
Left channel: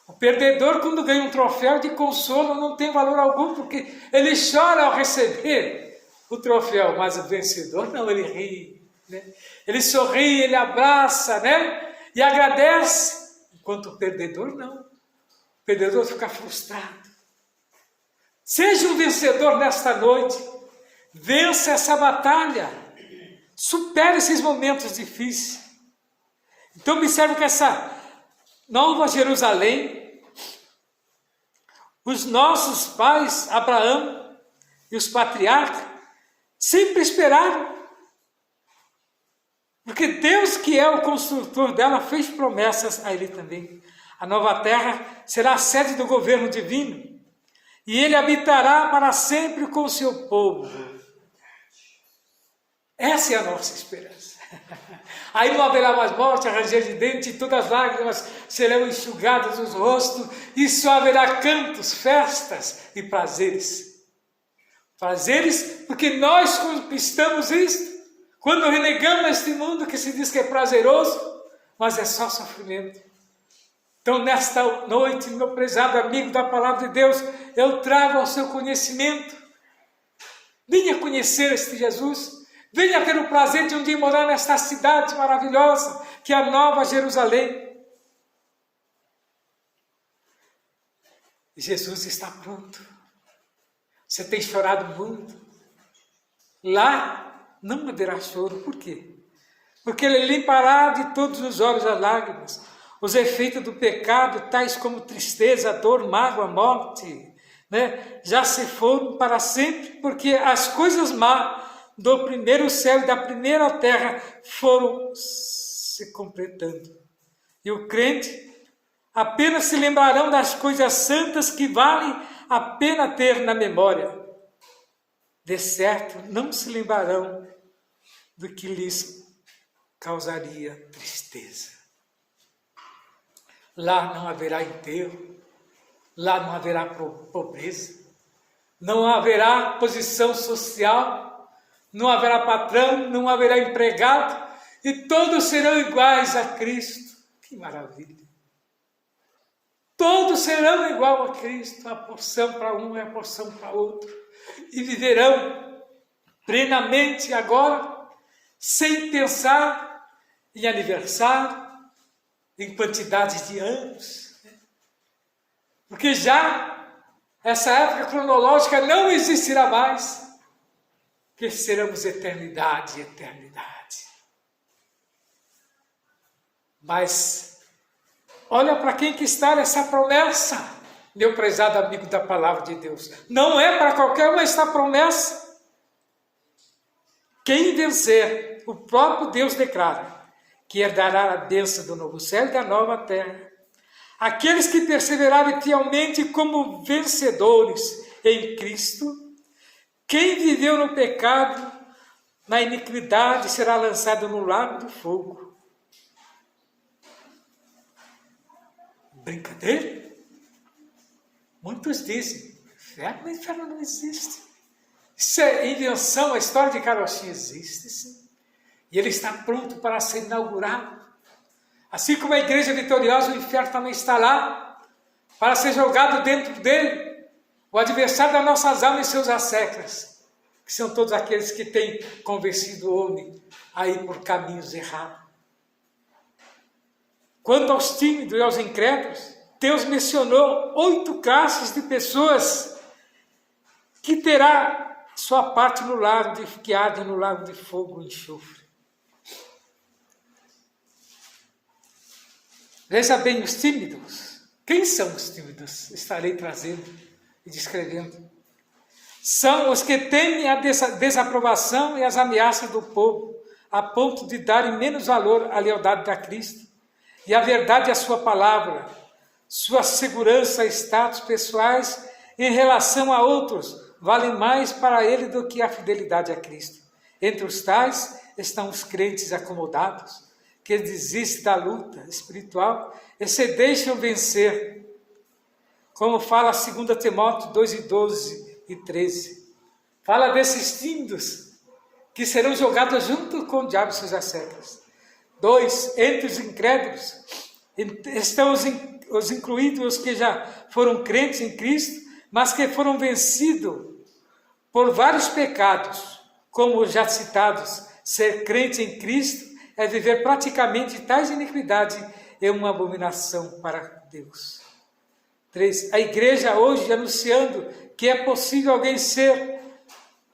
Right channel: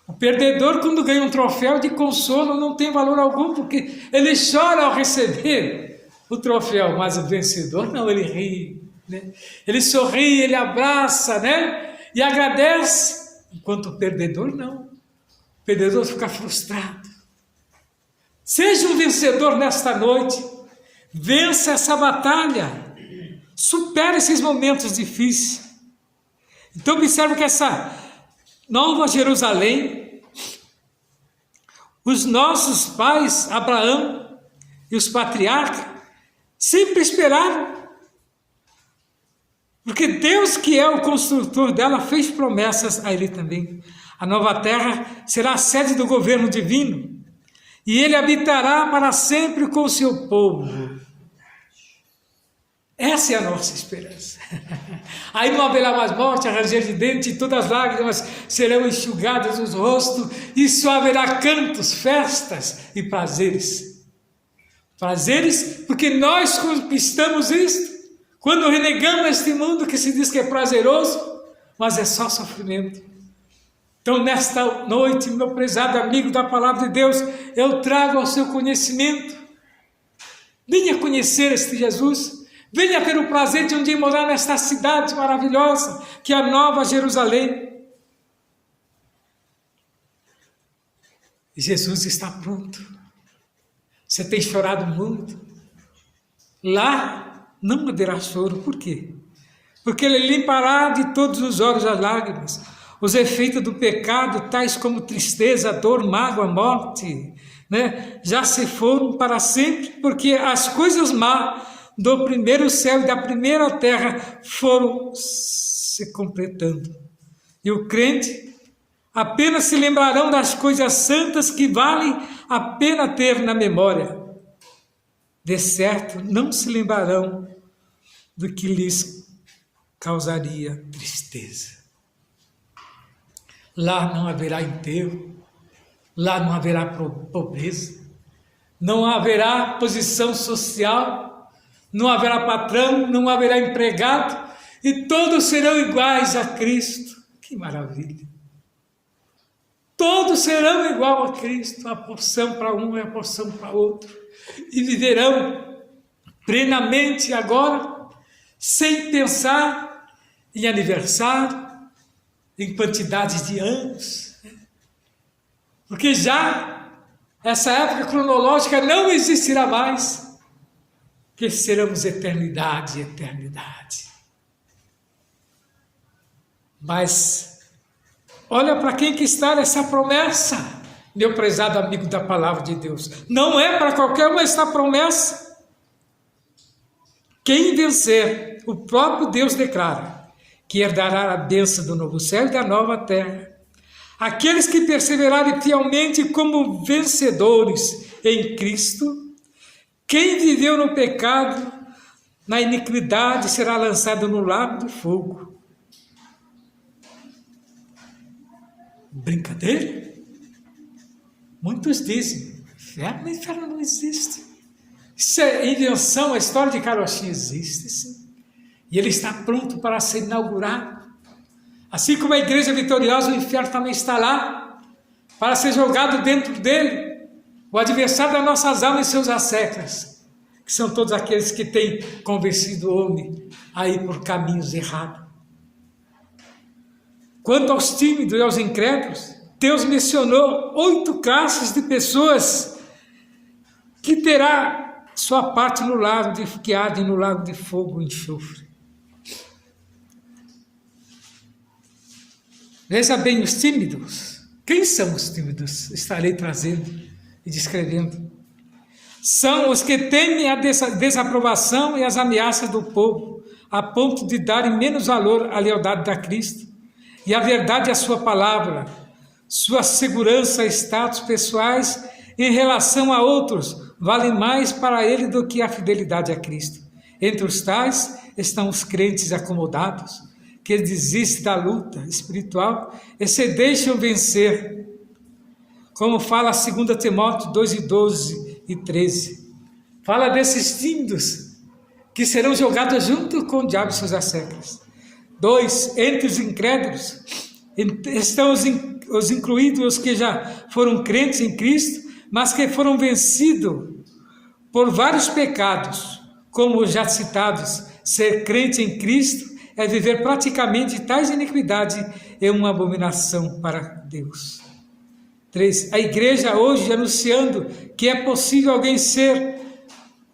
O perdedor, quando ganha um troféu de consolo, não tem valor algum, porque ele chora ao receber o troféu, mas o vencedor não, ele ri, né? Ele sorri, ele abraça, né? E agradece, enquanto o perdedor não. O perdedor fica frustrado. Seja um vencedor nesta noite, vença essa batalha, supere esses momentos difíceis. Então observe que essa Nova Jerusalém, os nossos pais, Abraão e os patriarcas, sempre esperaram. Porque Deus, que é o construtor dela, fez promessas a ele também. A nova terra será a sede do governo divino, e ele habitará para sempre com o seu povo. Essa é a nossa esperança. Aí não haverá mais morte, ranger de dente, e todas as lágrimas serão enxugadas dos rostos, e só haverá cantos, festas e prazeres. Prazeres porque nós conquistamos isto. Quando renegamos este mundo que se diz que é prazeroso, mas é só sofrimento. Então, nesta noite, meu prezado amigo da Palavra de Deus, eu trago ao seu conhecimento. Venha conhecer este Jesus. Venha ter o prazer de um dia morar nesta cidade maravilhosa, que é a Nova Jerusalém. E Jesus está pronto. Você tem chorado muito. Lá não haverá choro. Por quê? Porque Ele limpará de todos os olhos as lágrimas. Os efeitos do pecado, tais como tristeza, dor, mágoa, morte, né, já se foram para sempre, porque as coisas más do primeiro céu e da primeira terra foram se completando. E o crente apenas se lembrarão das coisas santas que valem a pena ter na memória. De certo, não se lembrarão do que lhes causaria tristeza. Lá não haverá enterro, lá não haverá pobreza, não haverá posição social, não haverá patrão, não haverá empregado, e todos serão iguais a Cristo. Que maravilha! Todos serão igual a Cristo, a porção para um e a porção para outro, e viverão plenamente agora, sem pensar em aniversário, em quantidade de anos, porque já essa época cronológica não existirá mais, que seremos eternidade e eternidade. Mas olha para quem que está nessa promessa, meu prezado amigo da Palavra de Deus. Não é para qualquer um esta promessa. Quem vencer, o próprio Deus declara que herdará a bênção do novo céu e da nova terra. Aqueles que perseverarem fielmente como vencedores em Cristo. Quem viveu no pecado, na iniquidade, será lançado no lago do fogo. Brincadeira? Muitos dizem, inferno não existe. Isso é invenção, a história de Caroxi existe, sim. E ele está pronto para ser inaugurado. Assim como a igreja vitoriosa, o inferno também está lá, para ser jogado dentro dele, o adversário das nossas almas e seus asseclas. que são todos aqueles que têm convencido o homem a ir por caminhos errados. Quanto aos tímidos e aos incrédulos, Deus mencionou 8 classes de pessoas que terá sua parte no lago que arde no lago de fogo e enxofre. Veja bem, os tímidos. Quem são os tímidos? Estarei trazendo e descrevendo. São os que temem a desaprovação e as ameaças do povo, a ponto de darem menos valor à lealdade a Cristo e à verdade à sua palavra, sua segurança e status pessoais em relação a outros valem mais para ele do que a fidelidade a Cristo. Entre os tais estão os crentes acomodados, que desistem da luta espiritual e se deixam vencer, como fala 2 Timóteo 2:12 e 13. Fala desses tímidos que serão jogados junto com o diabo e seus asseclas. 2. Entre os incrédulos estão os incluídos, os que já foram crentes em Cristo, mas que foram vencidos por vários pecados, como os já citados. Ser crente em Cristo é viver praticamente tais iniquidades, é uma abominação para Deus. 3. A igreja hoje anunciando que é possível alguém ser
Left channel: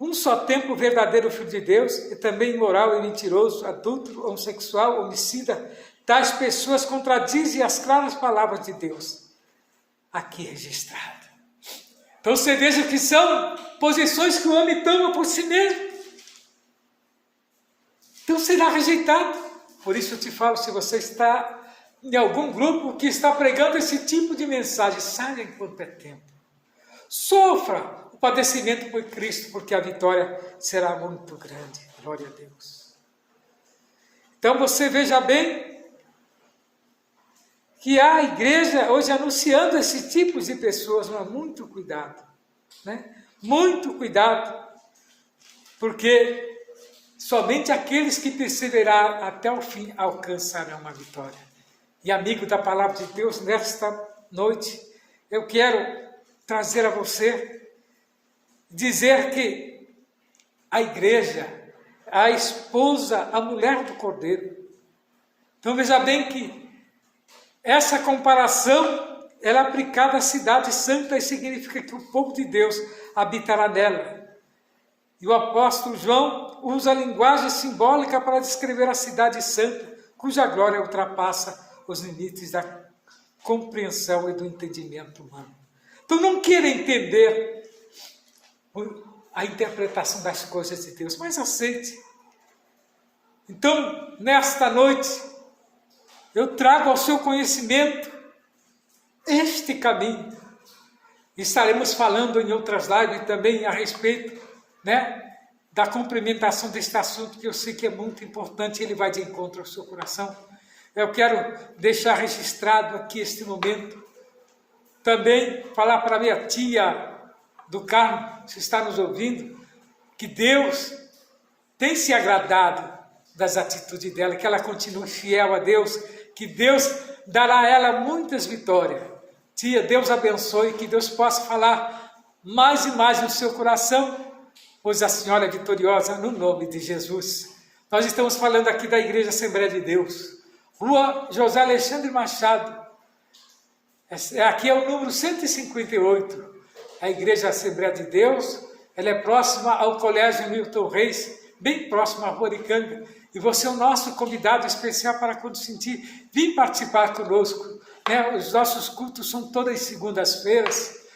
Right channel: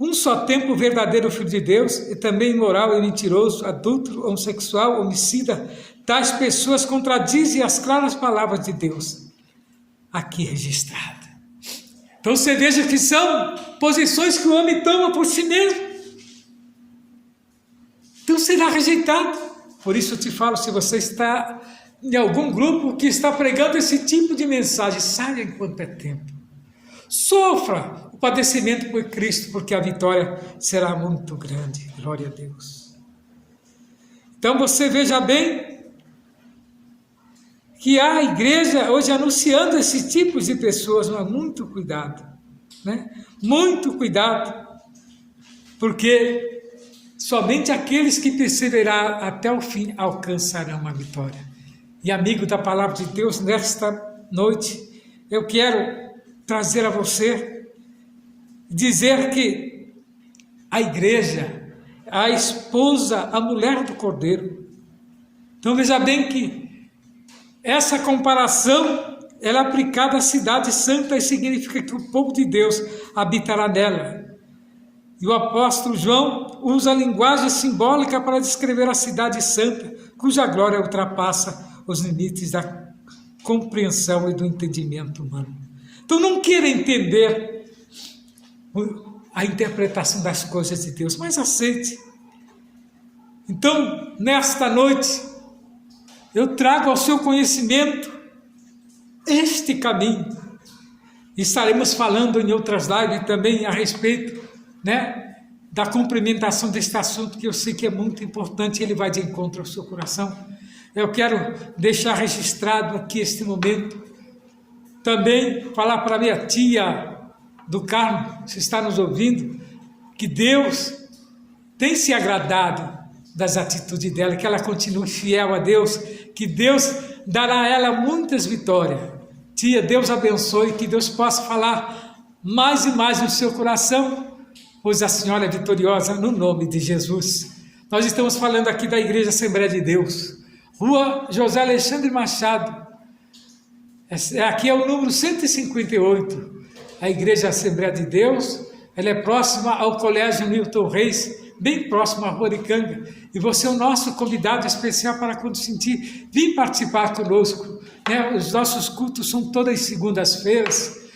um só tempo verdadeiro filho de Deus e também imoral e mentiroso, adúltero, homossexual, homicida. Tais pessoas contradizem as claras palavras de Deus aqui registradas. Então você veja que são posições que o homem toma por si mesmo. Então será rejeitado. Por isso eu te falo, se você está em algum grupo que está pregando esse tipo de mensagem, saia enquanto é tempo. Sofra o padecimento por Cristo, porque a vitória será muito grande. Glória a Deus. Então você veja bem que a igreja hoje anunciando esse tipo de pessoas, mas muito cuidado, né? Muito cuidado, porque somente aqueles que perseverarem até o fim alcançarão a vitória. E amigo da palavra de Deus, nesta noite, eu quero trazer a você, dizer que a igreja, a esposa, a mulher do Cordeiro. Então veja bem que essa comparação, ela é aplicada à cidade santa e significa que o povo de Deus habitará nela. E o apóstolo João usa a linguagem simbólica para descrever a cidade santa, cuja glória ultrapassa os limites da compreensão e do entendimento humano. Então não queira entender a interpretação das coisas de Deus, mas aceite. Então, nesta noite, eu trago ao seu conhecimento este caminho. E estaremos falando em outras lives também a respeito, né, da cumprimentação deste assunto, que eu sei que é muito importante, ele vai de encontro ao seu coração. Eu quero deixar registrado aqui este momento, também falar para minha tia do Carmo, se está nos ouvindo, que Deus tem se agradado das atitudes dela, que ela continue fiel a Deus, que Deus dará a ela muitas vitórias. Tia, Deus abençoe, que Deus possa falar mais e mais no seu coração, pois a senhora é vitoriosa no nome de Jesus. Nós estamos falando aqui da Igreja Assembleia de Deus, Rua José Alexandre Machado, aqui é o número 158, a Igreja Assembleia de Deus. Ela é próxima ao Colégio Milton Reis, bem próximo à Rua Oricanga, e você é o nosso convidado especial para, quando sentir, vir participar conosco, né? Os nossos cultos são todas segundas-feiras,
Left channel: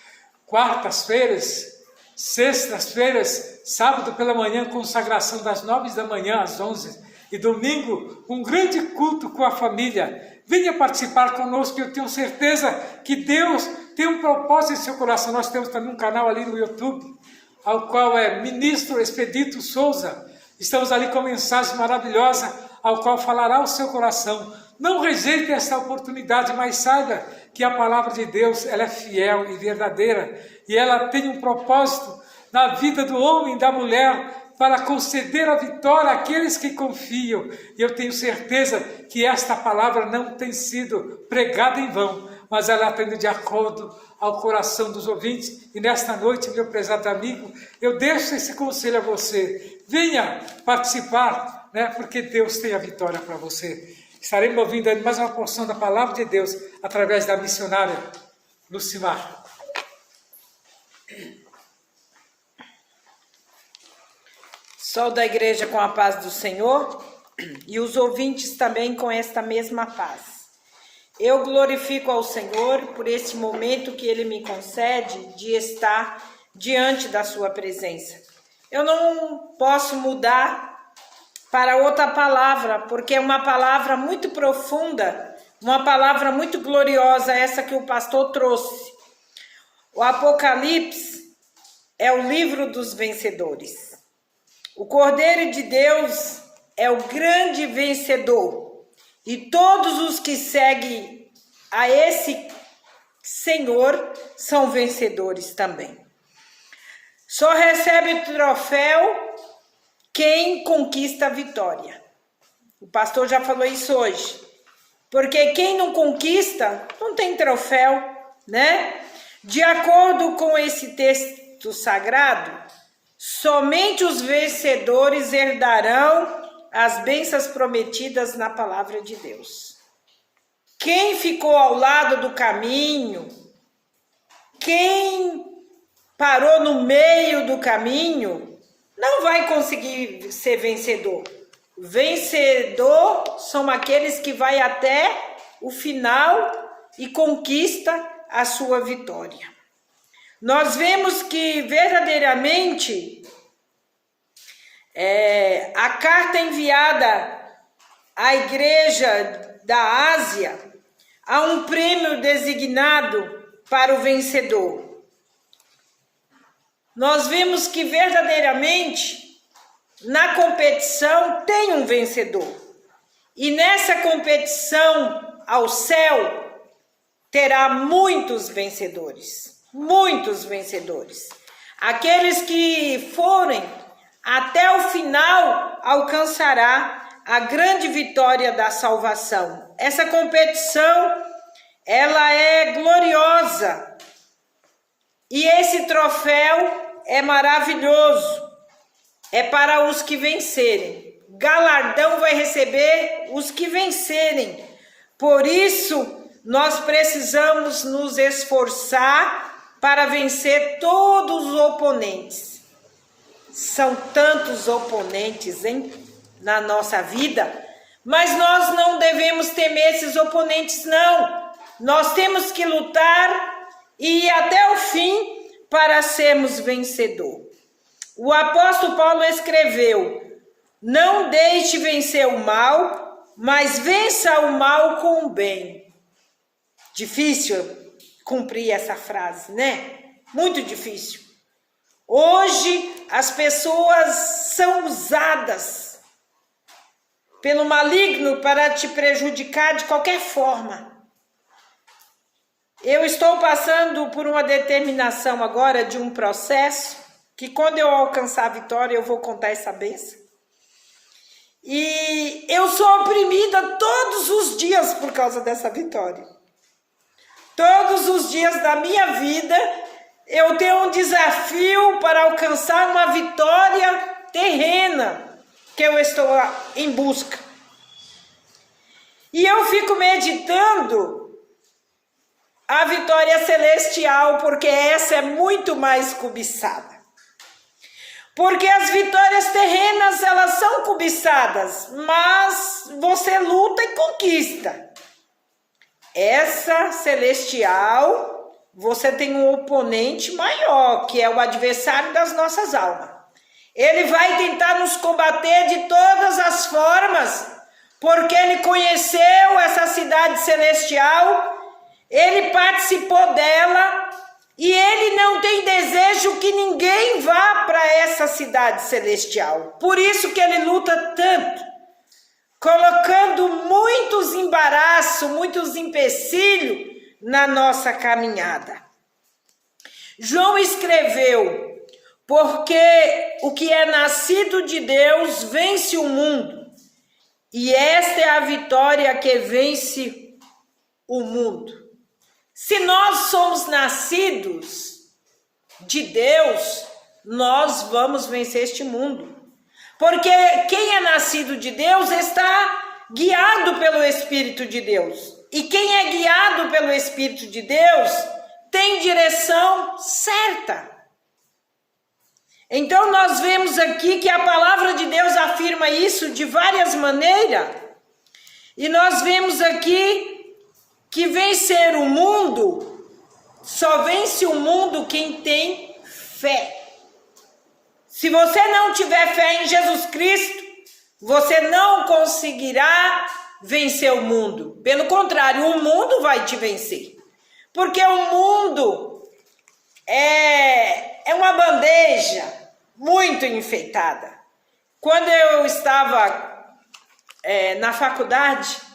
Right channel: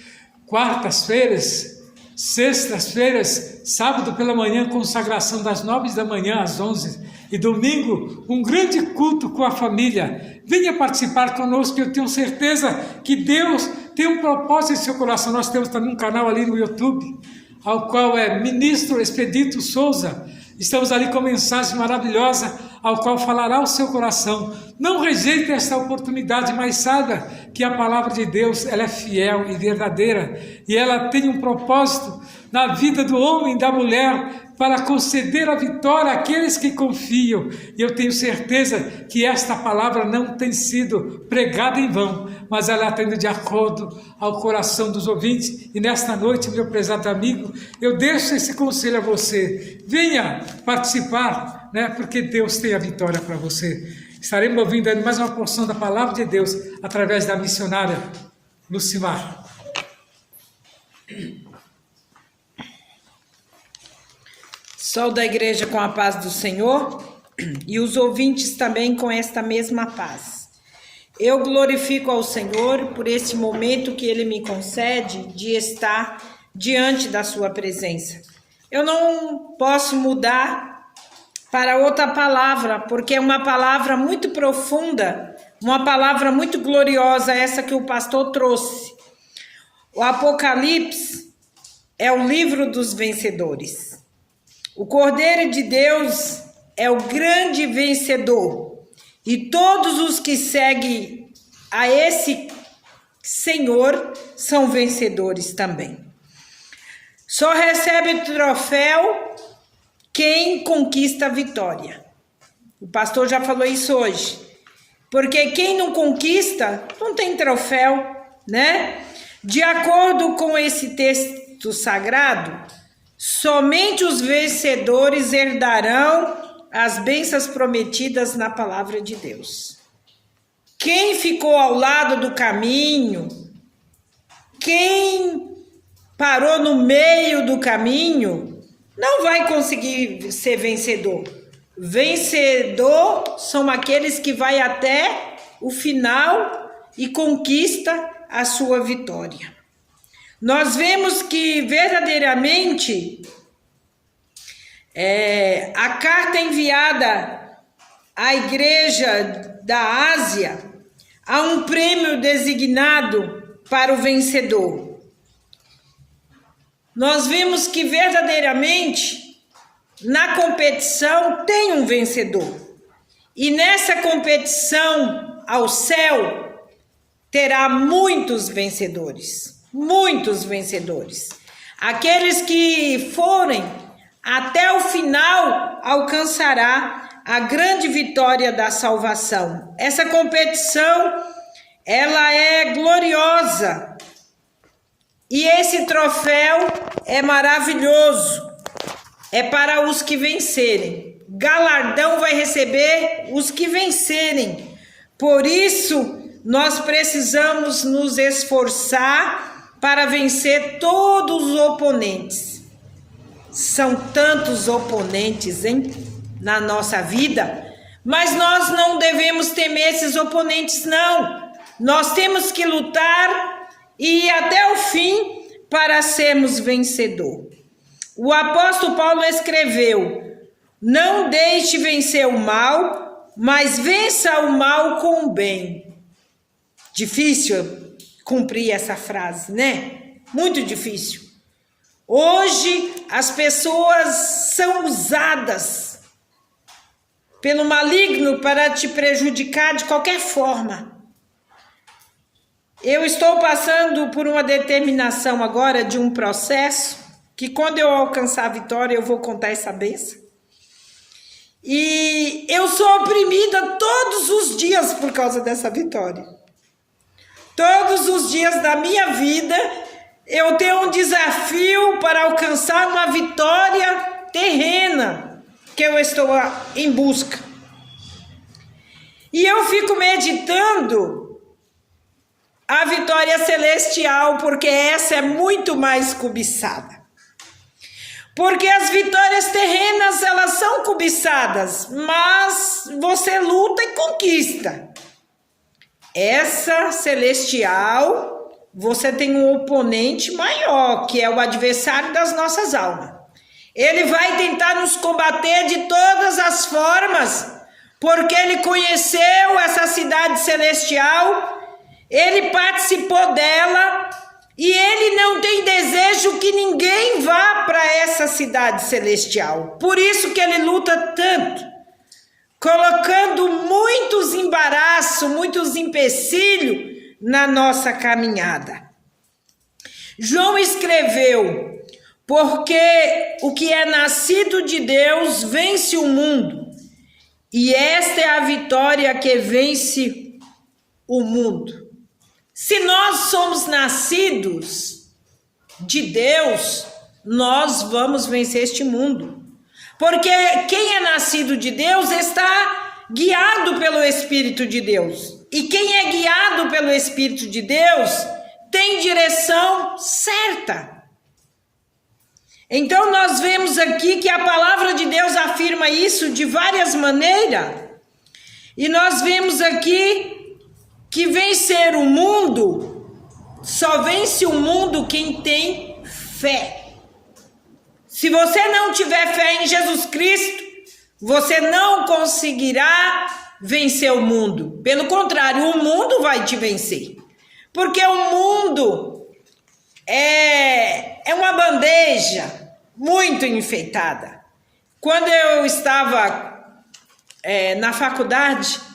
quartas-feiras, sextas-feiras, sábado pela manhã, consagração das 9 da manhã às 11, e domingo, um grande culto com a família. Venha participar conosco, eu tenho certeza que Deus tem um propósito em seu coração. Nós temos também um canal ali no YouTube, ao qual é Ministro Expedito Souza. Estamos ali com mensagem maravilhosa, ao qual falará o seu coração. Não rejeite esta oportunidade, mas saiba que a palavra de Deus, ela é fiel e verdadeira, e ela tem um propósito na vida do homem e da mulher, para conceder a vitória àqueles que confiam. E eu tenho certeza que esta palavra não tem sido pregada em vão, mas ela está indo de acordo ao coração dos ouvintes. E nesta noite, meu prezado amigo, eu deixo esse conselho a você. Venha participar, né? Porque Deus tem a vitória para você. Estaremos ouvindo aí mais uma porção da palavra de Deus através da missionária Lucimar. Sou da igreja com a paz do Senhor e os ouvintes também com esta mesma paz. Eu glorifico ao Senhor por esse momento que Ele me concede de estar diante da sua presença. Eu não posso mudar para outra palavra, porque é uma palavra muito profunda, uma palavra muito gloriosa, essa que o pastor trouxe. O Apocalipse é o livro dos vencedores. O Cordeiro de Deus é o grande vencedor. E todos os que seguem a esse Senhor são vencedores também. Só recebe o troféu quem conquista a vitória. O pastor já falou isso hoje. Porque quem não conquista, não tem troféu, né? De acordo com esse texto sagrado, somente os vencedores herdarão as bênçãos prometidas na palavra de Deus. Quem ficou ao lado do caminho, quem parou no meio do caminho, não vai conseguir ser vencedor. Vencedor são aqueles que vai até o final e conquista a sua vitória. Nós vemos que verdadeiramente a carta enviada à igreja da Ásia há um prêmio designado para o vencedor. Nós vemos que verdadeiramente na competição tem um vencedor. E nessa competição ao céu terá muitos vencedores. Muitos vencedores. Aqueles que forem até o final alcançará a grande vitória da salvação. Essa competição, ela é gloriosa. E esse troféu é maravilhoso. É para os que vencerem. Galardão vai receber os que vencerem. Por isso, nós precisamos nos esforçar para vencer todos os oponentes. São tantos oponentes, hein, na nossa vida, mas nós não devemos temer esses oponentes, não. Nós temos que lutar e ir até o fim para sermos vencedor. O apóstolo Paulo escreveu: não deixe vencer o mal, mas vença o mal com o bem. Difícil cumprir essa frase, né? Muito difícil. Hoje as pessoas são usadas pelo maligno para te prejudicar de qualquer forma. Eu estou passando por uma determinação agora de um processo que quando eu alcançar a vitória eu vou contar essa bênção. E eu sou oprimida todos os dias por causa dessa vitória. Todos os dias da minha vida, eu tenho um desafio para alcançar uma vitória terrena que eu estou em busca. E eu fico meditando a vitória celestial, porque essa é muito mais cobiçada. Porque as vitórias terrenas, elas são cobiçadas, mas você luta e conquista. Essa celestial, você tem um oponente maior, que é o adversário das nossas almas. Ele vai tentar nos combater de todas as formas, porque ele conheceu essa cidade celestial, ele participou dela, e ele não tem desejo que ninguém vá para essa cidade celestial. Por isso que ele luta tanto, colocando muitos embaraços, muitos empecilhos na nossa caminhada. João escreveu: porque o que é nascido de Deus vence o mundo, e esta é a vitória que vence o mundo, Se nós somos nascidos de Deus, nós vamos vencer este mundo. Porque quem é nascido de Deus está guiado pelo Espírito de Deus. E quem é guiado pelo Espírito de Deus tem direção certa. Então nós vemos aqui que a palavra de Deus afirma isso de várias maneiras. E nós vemos aqui que vencer o mundo, só vence o mundo quem tem fé. Se você não tiver fé em Jesus Cristo, você não conseguirá vencer o mundo. Pelo contrário, o mundo vai te vencer. Porque o mundo é uma bandeja muito enfeitada. Quando eu estava na faculdade,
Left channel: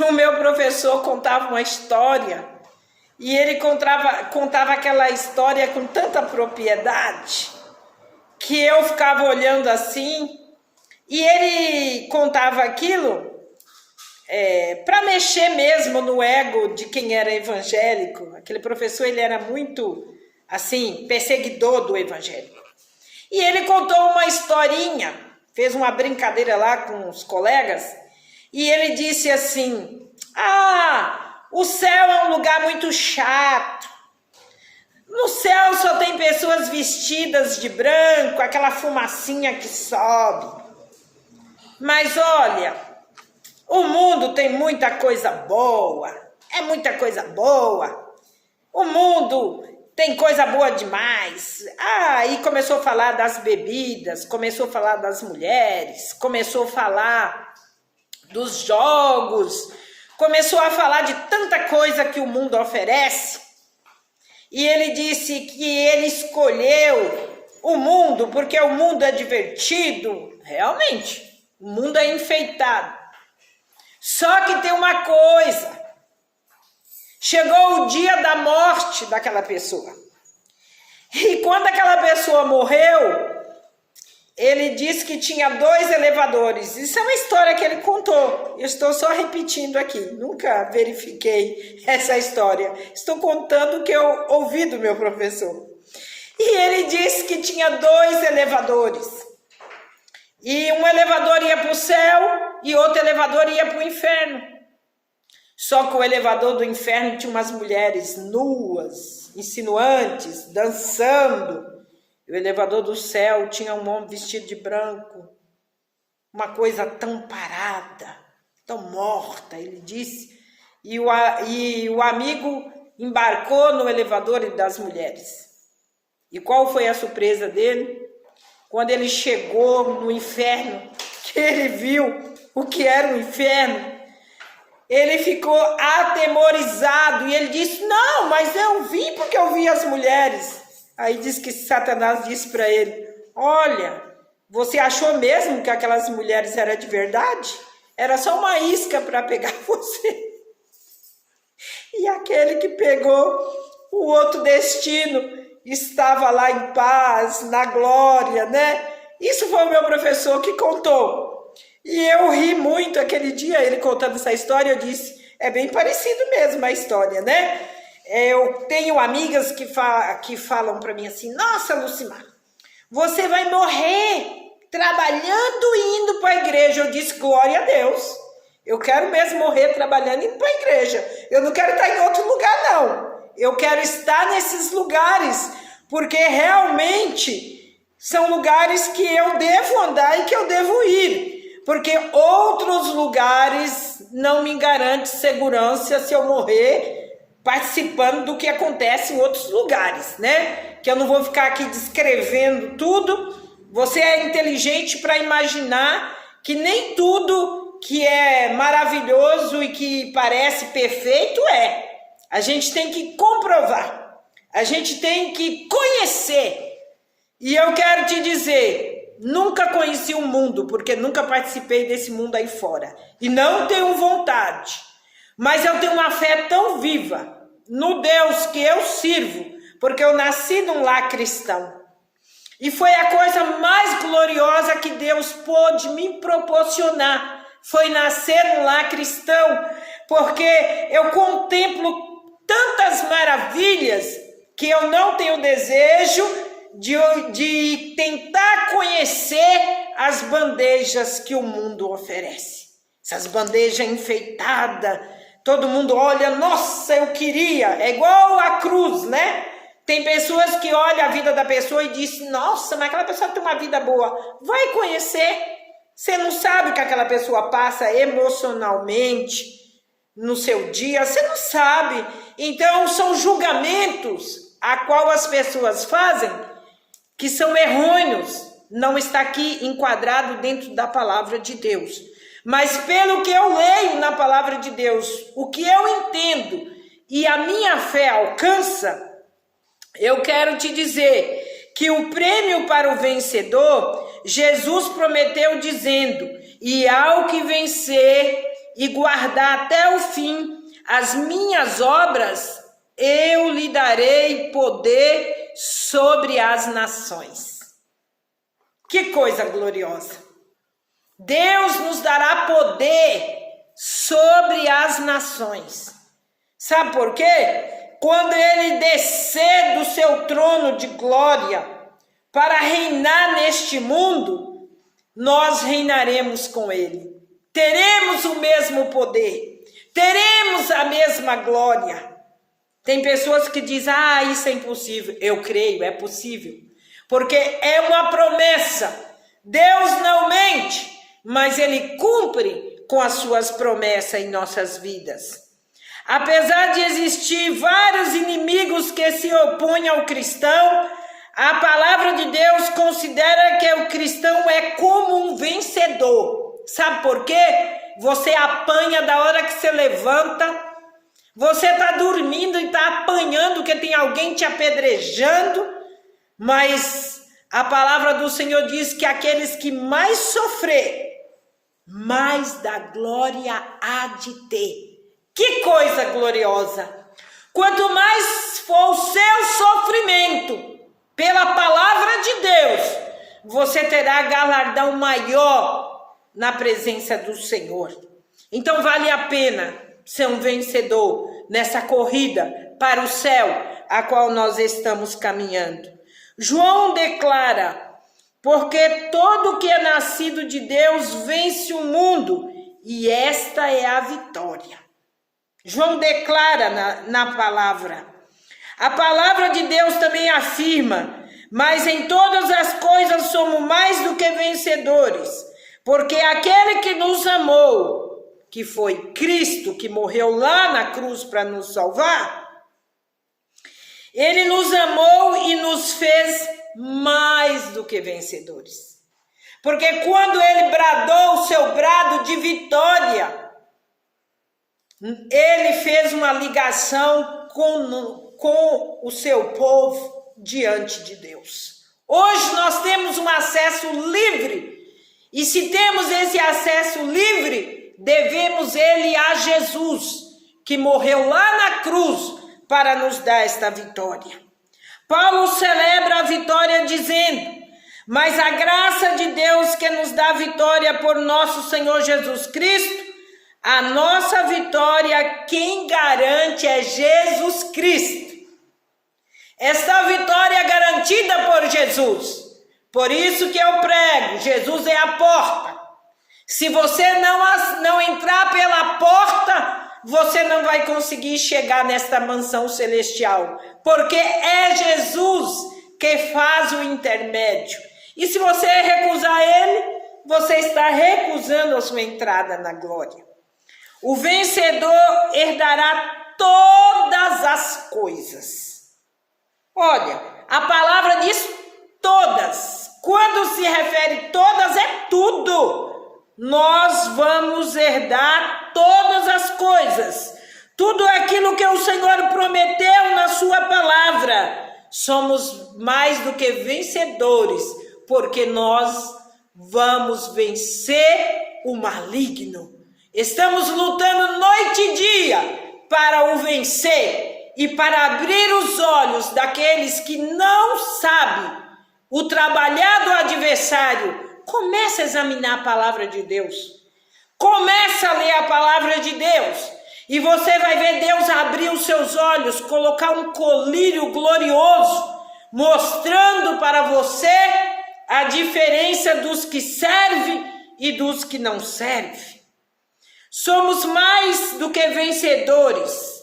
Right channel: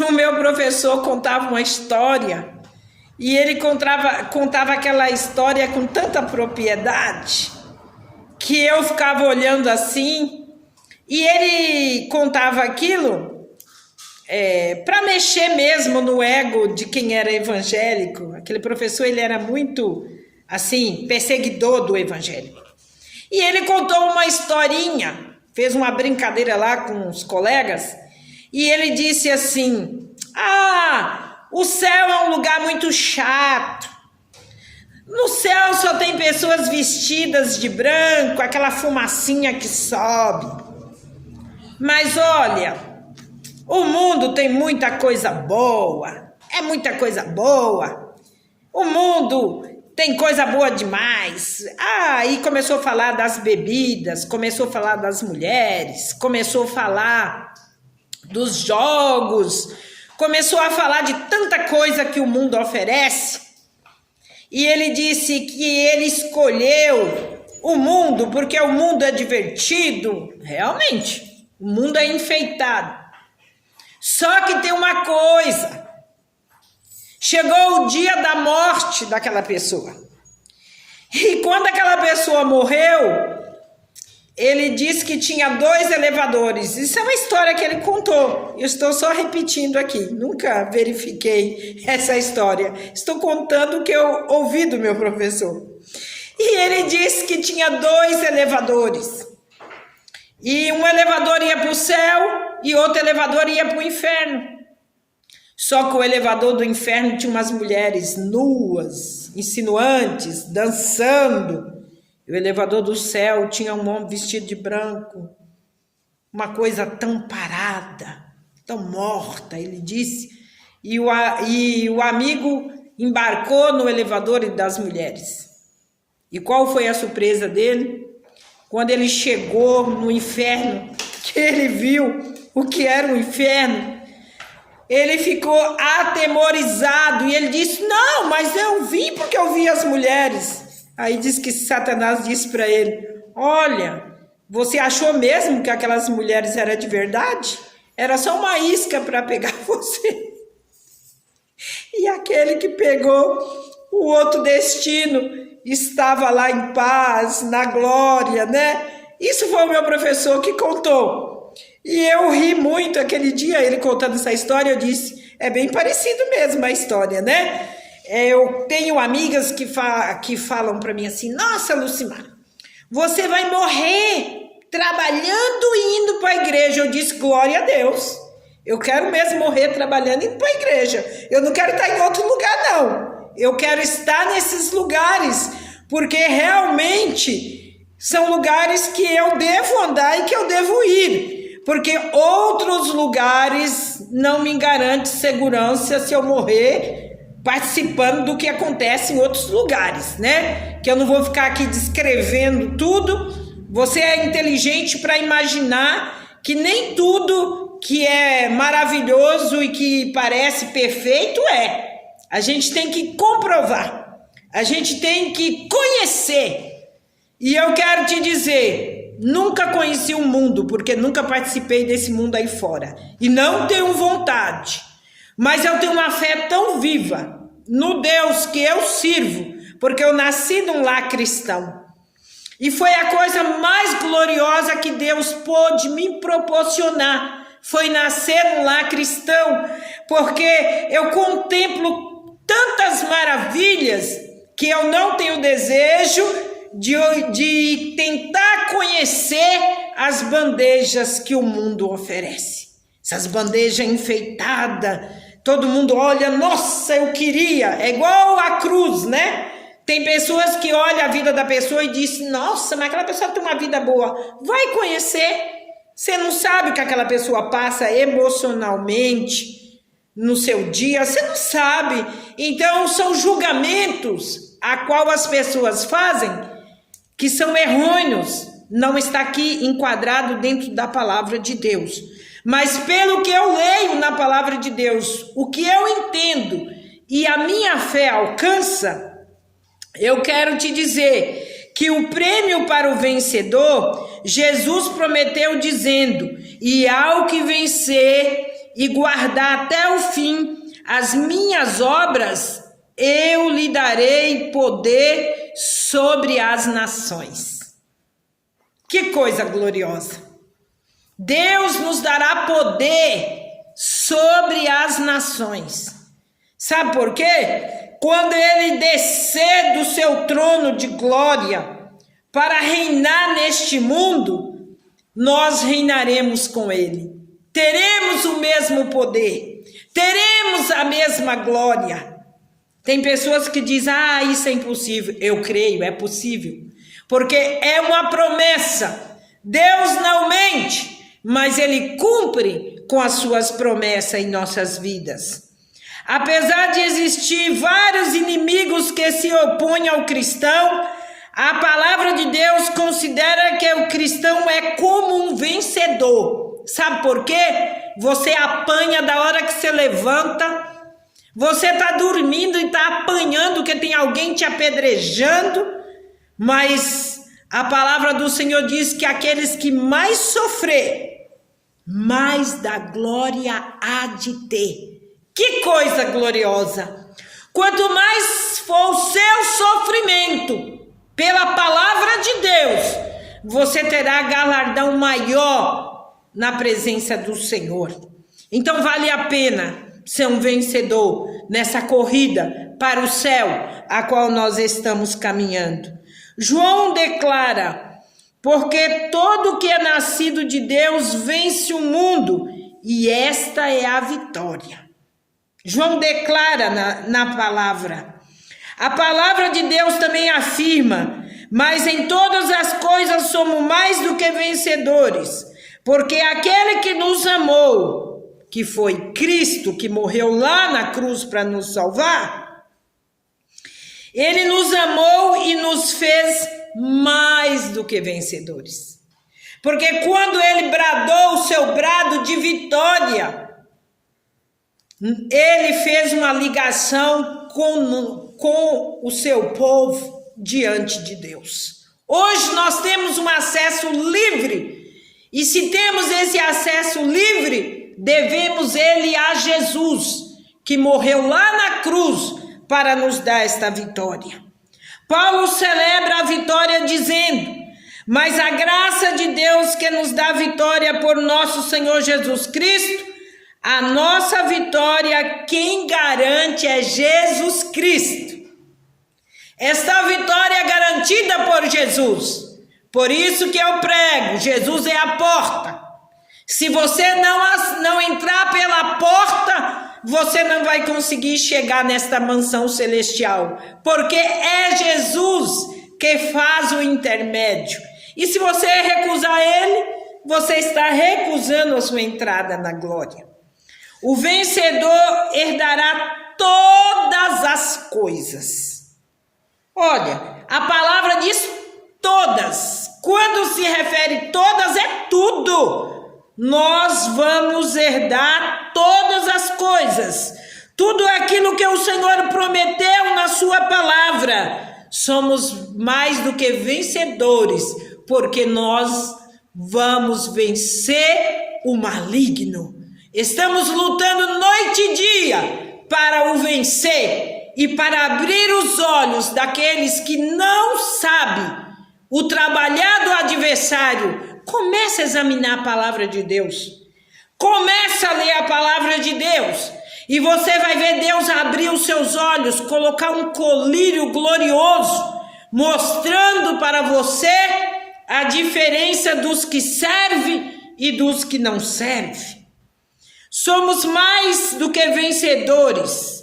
o meu professor contava uma história e ele contava aquela história com tanta propriedade que eu ficava olhando assim, e ele contava aquilo para mexer mesmo no ego de quem era evangélico. Aquele professor, ele era muito, assim, perseguidor do evangélico. E ele contou uma historinha, fez uma brincadeira lá com os colegas, e ele disse assim: o céu é um lugar muito chato. No céu só tem pessoas vestidas de branco, aquela fumacinha que sobe. Mas olha, o mundo tem muita coisa boa, é muita coisa boa. O mundo tem coisa boa demais. E começou a falar das bebidas, começou a falar das mulheres, começou a falar dos jogos, começou a falar de tanta coisa que o mundo oferece. E ele disse que ele escolheu o mundo porque o mundo é divertido. Realmente, o mundo é enfeitado. Só que tem uma coisa: chegou o dia da morte daquela pessoa. E quando aquela pessoa morreu, ele disse que tinha 2 elevadores. Isso é uma história que ele contou. Eu estou só repetindo aqui. Nunca verifiquei essa história. Estou contando o que eu ouvi do meu professor. E ele disse que tinha 2 elevadores. E um elevador ia para o céu e outro elevador ia para o inferno. Só que o elevador do inferno tinha umas mulheres nuas, insinuantes, dançando. O elevador do céu tinha um homem vestido de branco, uma coisa tão parada, tão morta, ele disse. E o amigo embarcou no elevador das mulheres. E qual foi a surpresa dele? Quando ele chegou no inferno, que ele viu o que era o inferno, ele ficou atemorizado e ele disse: não, mas eu vim porque eu vi as mulheres. Aí diz que Satanás disse para ele: olha, você achou mesmo que aquelas mulheres eram de verdade? Era só uma isca para pegar você. E aquele que pegou o outro destino estava lá em paz, na glória, né? Isso foi o meu professor que contou. E eu ri muito aquele dia, ele contando essa história. Eu disse: é bem parecido mesmo a história, né? Eu tenho amigas que falam para mim assim: nossa, Lucimar, você vai morrer trabalhando e indo para a igreja. Eu disse: glória a Deus, eu quero mesmo morrer trabalhando e indo para a igreja. Eu não quero estar em outro lugar, não. Eu quero estar nesses lugares, porque realmente são lugares que eu devo andar e que eu devo ir. Porque outros lugares não me garantem segurança se eu morrer participando do que acontece em outros lugares, né? Que eu não vou ficar aqui descrevendo tudo. Você é inteligente para imaginar que nem tudo que é maravilhoso e que parece perfeito é. A gente tem que comprovar, a gente tem que conhecer. E eu quero te dizer, nunca conheci o mundo, porque nunca participei desse mundo aí fora. E não tenho vontade, mas eu tenho uma fé tão viva no Deus que eu sirvo, porque eu nasci num lar cristão. E foi a coisa mais gloriosa que Deus pôde me proporcionar, foi nascer num lar cristão, porque eu contemplo tantas maravilhas que eu não tenho desejo de tentar conhecer as bandejas que o mundo oferece. Essas bandejas enfeitadas, todo mundo olha, nossa, eu queria, é igual a cruz, né? Tem pessoas que olham a vida da pessoa e dizem, nossa, mas aquela pessoa tem uma vida boa. Vai conhecer, você não sabe o que aquela pessoa passa emocionalmente no seu dia, você não sabe. Então, são julgamentos a qual as pessoas fazem que são errôneos. Não está aqui enquadrado dentro da palavra de Deus. Mas pelo que eu leio na palavra de Deus, o que eu entendo e a minha fé alcança, eu quero te dizer que o prêmio para o vencedor, Jesus prometeu dizendo, e ao que vencer e guardar até o fim as minhas obras, eu lhe darei poder sobre as nações. Que coisa gloriosa! Deus nos dará poder sobre as nações. Sabe por quê? Quando ele descer do seu trono de glória para reinar neste mundo, nós reinaremos com ele. Teremos o mesmo poder, teremos a mesma glória. Tem pessoas que dizem, isso é impossível. Eu creio, é possível. Porque é uma promessa. Deus não mente, mas ele cumpre com as suas promessas em nossas vidas. Apesar de existir vários inimigos que se opõem ao cristão, a palavra de Deus considera que o cristão é como um vencedor. Sabe por quê? Você apanha da hora que você levanta, você está dormindo e está apanhando que tem alguém te apedrejando, mas a palavra do Senhor diz que aqueles que mais sofrer, mais da glória há de ter. Que coisa gloriosa! Quanto mais for o seu sofrimento pela palavra de Deus, você terá galardão maior na presença do Senhor. Então vale a pena ser um vencedor nessa corrida para o céu, a qual nós estamos caminhando. João declara, porque todo que é nascido de Deus vence o mundo, e esta é a vitória. João declara na palavra. A palavra de Deus também afirma, mas em todas as coisas somos mais do que vencedores, porque aquele que nos amou, que foi Cristo, que morreu lá na cruz para nos salvar, ele nos amou e nos fez mais do que vencedores. Porque quando ele bradou o seu brado de vitória, ele fez uma ligação com o seu povo diante de Deus. Hoje nós temos um acesso livre, e se temos esse acesso livre, devemos ele a Jesus, que morreu lá na cruz para nos dar esta vitória. Paulo celebra a vitória dizendo, mas a graça de Deus que nos dá vitória por nosso Senhor Jesus Cristo, a nossa vitória, quem garante é Jesus Cristo. Esta vitória é garantida por Jesus. Por isso que eu prego, Jesus é a porta. Se você não entrar pela porta, você não vai conseguir chegar nesta mansão celestial. Porque é Jesus que faz o intermédio. E se você recusar ele, você está recusando a sua entrada na glória. O vencedor herdará todas as coisas. Olha, a palavra diz todas. Quando se refere todas, é tudo. Nós vamos herdar todas as coisas. Tudo aquilo que o Senhor prometeu na sua palavra. Somos mais do que vencedores, porque nós vamos vencer o maligno. Estamos lutando noite e dia para o vencer e para abrir os olhos daqueles que não sabem o trabalhar do adversário. Comece a examinar a palavra de Deus. Comece a ler a palavra de Deus E você vai ver Deus abrir os seus olhos, colocar um colírio glorioso, mostrando para você a diferença dos que servem e dos que não servem. Somos mais do que vencedores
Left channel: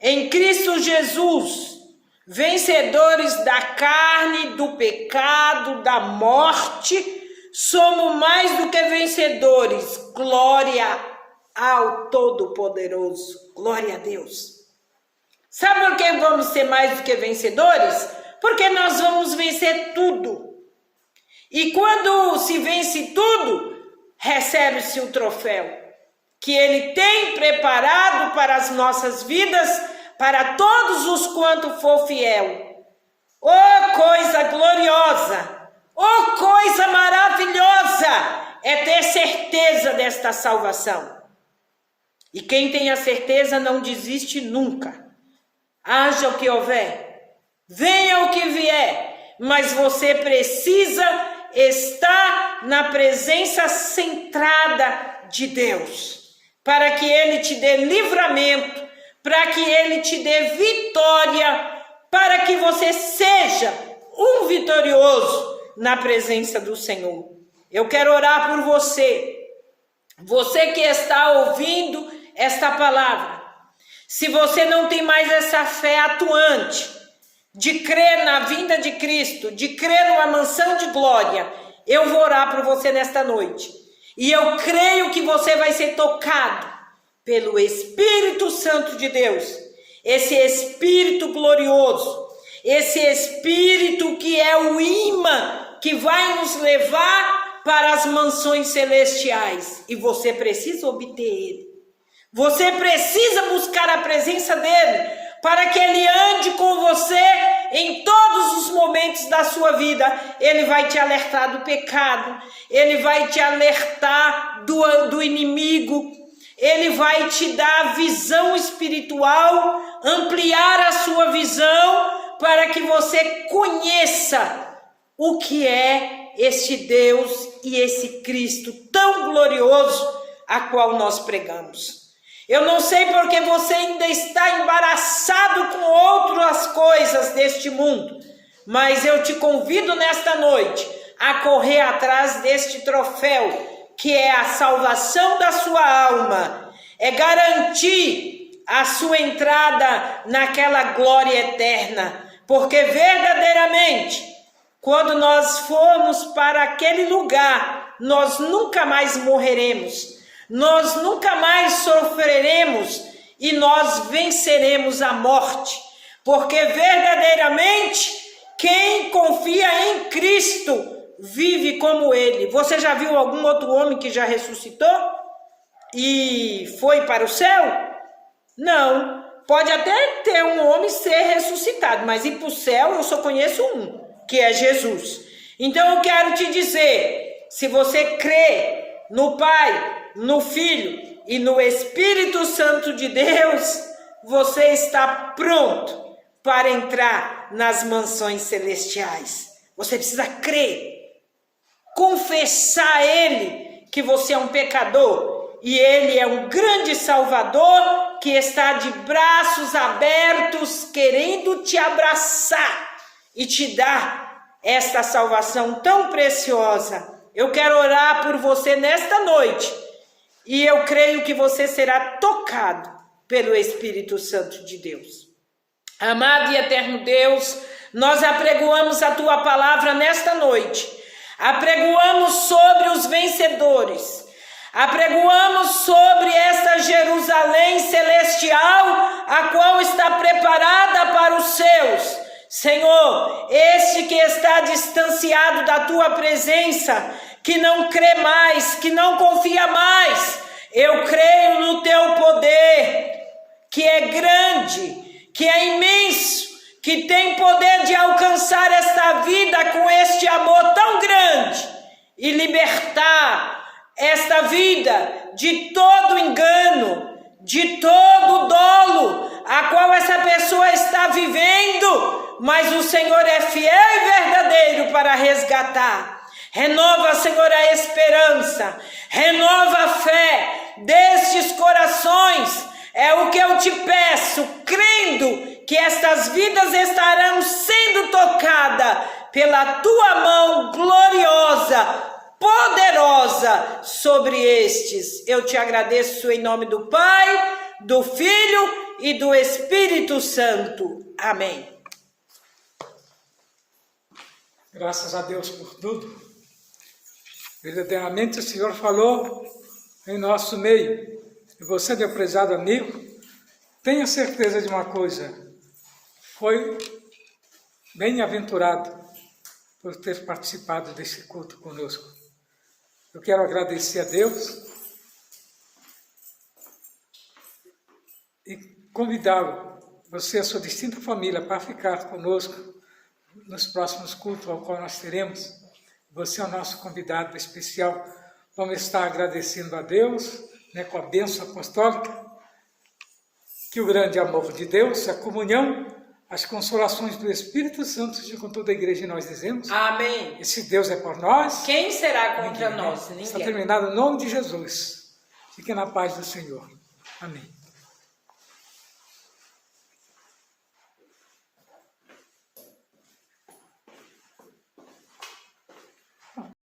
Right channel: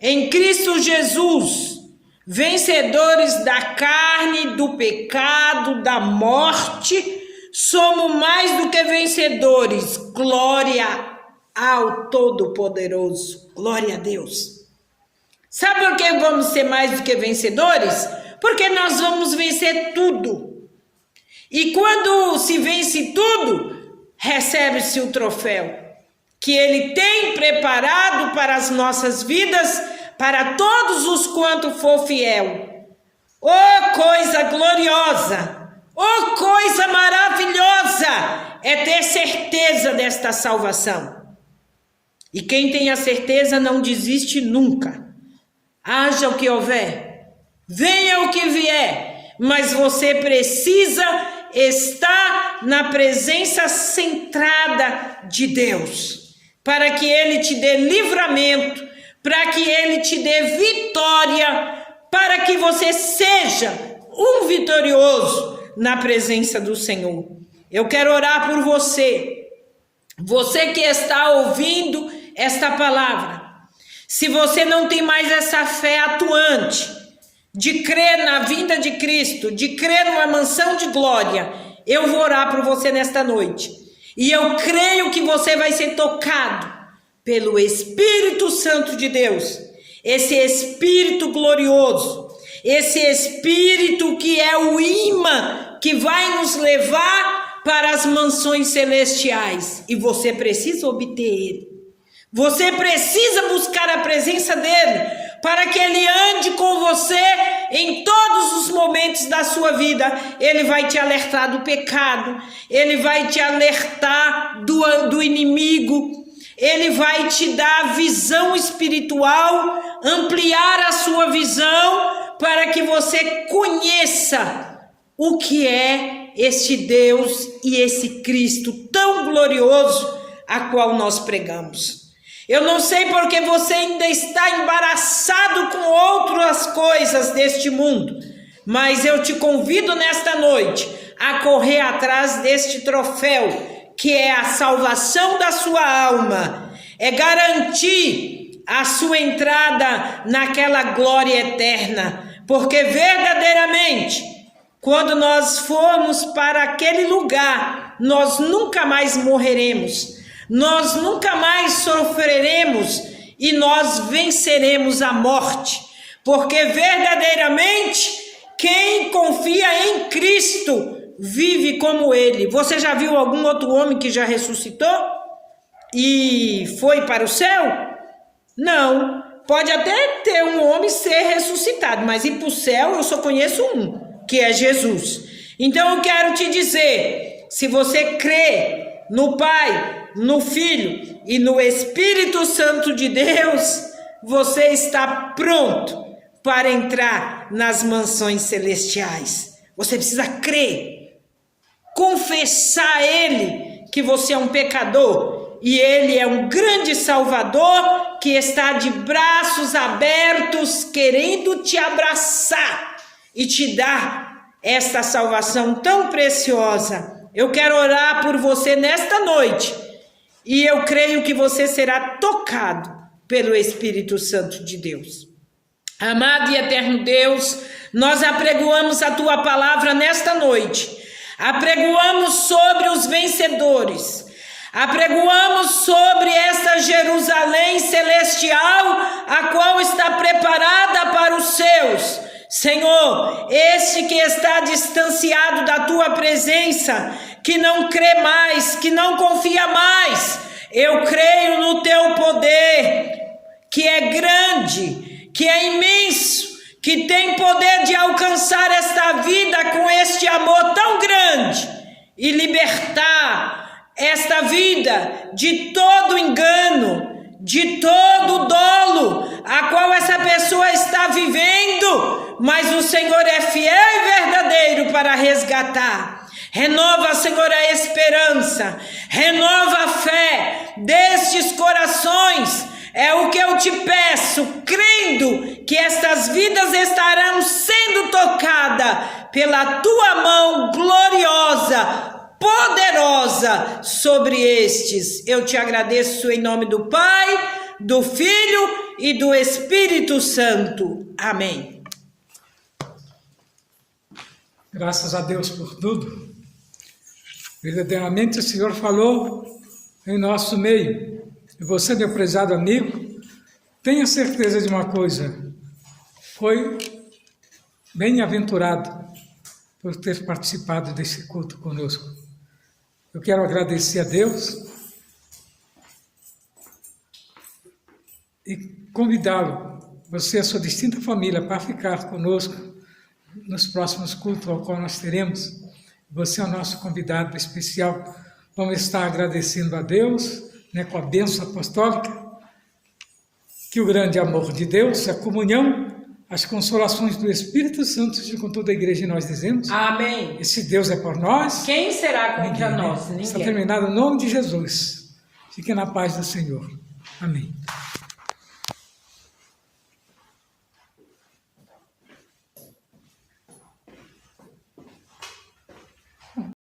em Cristo Jesus, vencedores da carne, do pecado, da morte. Somos mais do que vencedores. Glória ao Todo-Poderoso. Glória a Deus. Sabe por que vamos ser mais do que vencedores? Porque nós vamos vencer tudo. E quando se vence tudo, recebe-se o troféu que Ele tem preparado para as nossas vidas, para todos os quanto for fiel. Oh, coisa gloriosa! Oh, coisa maravilhosa! É ter certeza desta salvação. E quem tem a certeza não desiste nunca. Haja o que houver, venha o que vier, mas você precisa estar na presença centrada de Deus, para que Ele te dê livramento, para que Ele te dê vitória, para que você seja um vitorioso na presença do Senhor. Eu quero orar por você, você que está ouvindo esta palavra. Se você não tem mais essa fé atuante, de crer na vinda de Cristo, de crer numa mansão de glória, eu vou orar por você nesta noite. E eu creio que você vai ser tocado pelo Espírito Santo de Deus, esse Espírito glorioso, esse Espírito que é o imã que vai nos levar para as mansões celestiais. E você precisa obter ele. Você precisa buscar a presença dele, para que ele ande com você em todos os momentos da sua vida. Ele vai te alertar do pecado, ele vai te alertar do inimigo, ele vai te dar visão espiritual, ampliar a sua visão, para que você conheça o que é este Deus e esse Cristo tão glorioso a qual nós pregamos. Eu não sei porque você ainda está embaraçado com outras coisas deste mundo, mas eu te convido nesta noite a correr atrás deste troféu, que é a salvação da sua alma, é garantir a sua entrada naquela glória eterna, porque verdadeiramente, quando nós formos para aquele lugar, nós nunca mais morreremos. Nós nunca mais sofreremos e nós venceremos a morte, porque verdadeiramente quem confia em Cristo vive como ele. Você já viu algum outro homem que já ressuscitou e foi para o céu? Não. Pode até ter um homem ser ressuscitado, mas ir para o céu eu só conheço um, que é Jesus. Então eu quero te dizer, se você crê no Pai, no Filho e no Espírito Santo de Deus, você está pronto para entrar nas mansões celestiais. Você precisa crer, confessar a Ele que você é um pecador e Ele é um grande Salvador que está de braços abertos querendo te abraçar e te dar esta salvação tão preciosa. Eu quero orar por você nesta noite. E eu creio que você será tocado pelo Espírito Santo de Deus. Amado e eterno Deus, nós apregoamos a Tua palavra nesta noite. Apregoamos sobre os vencedores. Apregoamos sobre esta Jerusalém celestial, a qual está preparada para os seus. Senhor, este que está distanciado da Tua presença, que não crê mais, que não confia mais, eu creio no Teu poder, que é grande, que é imenso, que tem poder de alcançar esta vida com este amor tão grande e libertar esta vida de todo engano, de todo dolo, a qual essa pessoa está vivendo, mas o Senhor é fiel e verdadeiro para resgatar. Renova, Senhor, a esperança, renova a fé destes corações, É o que eu te peço, crendo que estas vidas estarão sendo tocadas pela tua mão gloriosa, poderosa sobre estes. Eu te agradeço em nome do Pai, do Filho e do Espírito Santo. Amém. Graças a Deus por tudo. Verdadeiramente o Senhor falou em nosso meio. E você, meu prezado amigo, tenha certeza de uma coisa. Foi bem-aventurado por ter participado desse culto conosco. Eu quero agradecer a Deus e convidá-lo, você e a sua distinta família, para ficar conosco nos próximos cultos ao qual nós teremos. Você é o nosso convidado especial. Vamos estar agradecendo a Deus, com a bênção apostólica, que o grande amor de Deus, a comunhão, as consolações do Espírito Santo sejam com toda a igreja, e nós dizemos: Amém. E se Deus é por nós, Quem será contra ninguém. nós? Ninguém. Está terminado em nome de Jesus. Fiquem na paz do Senhor. Amém.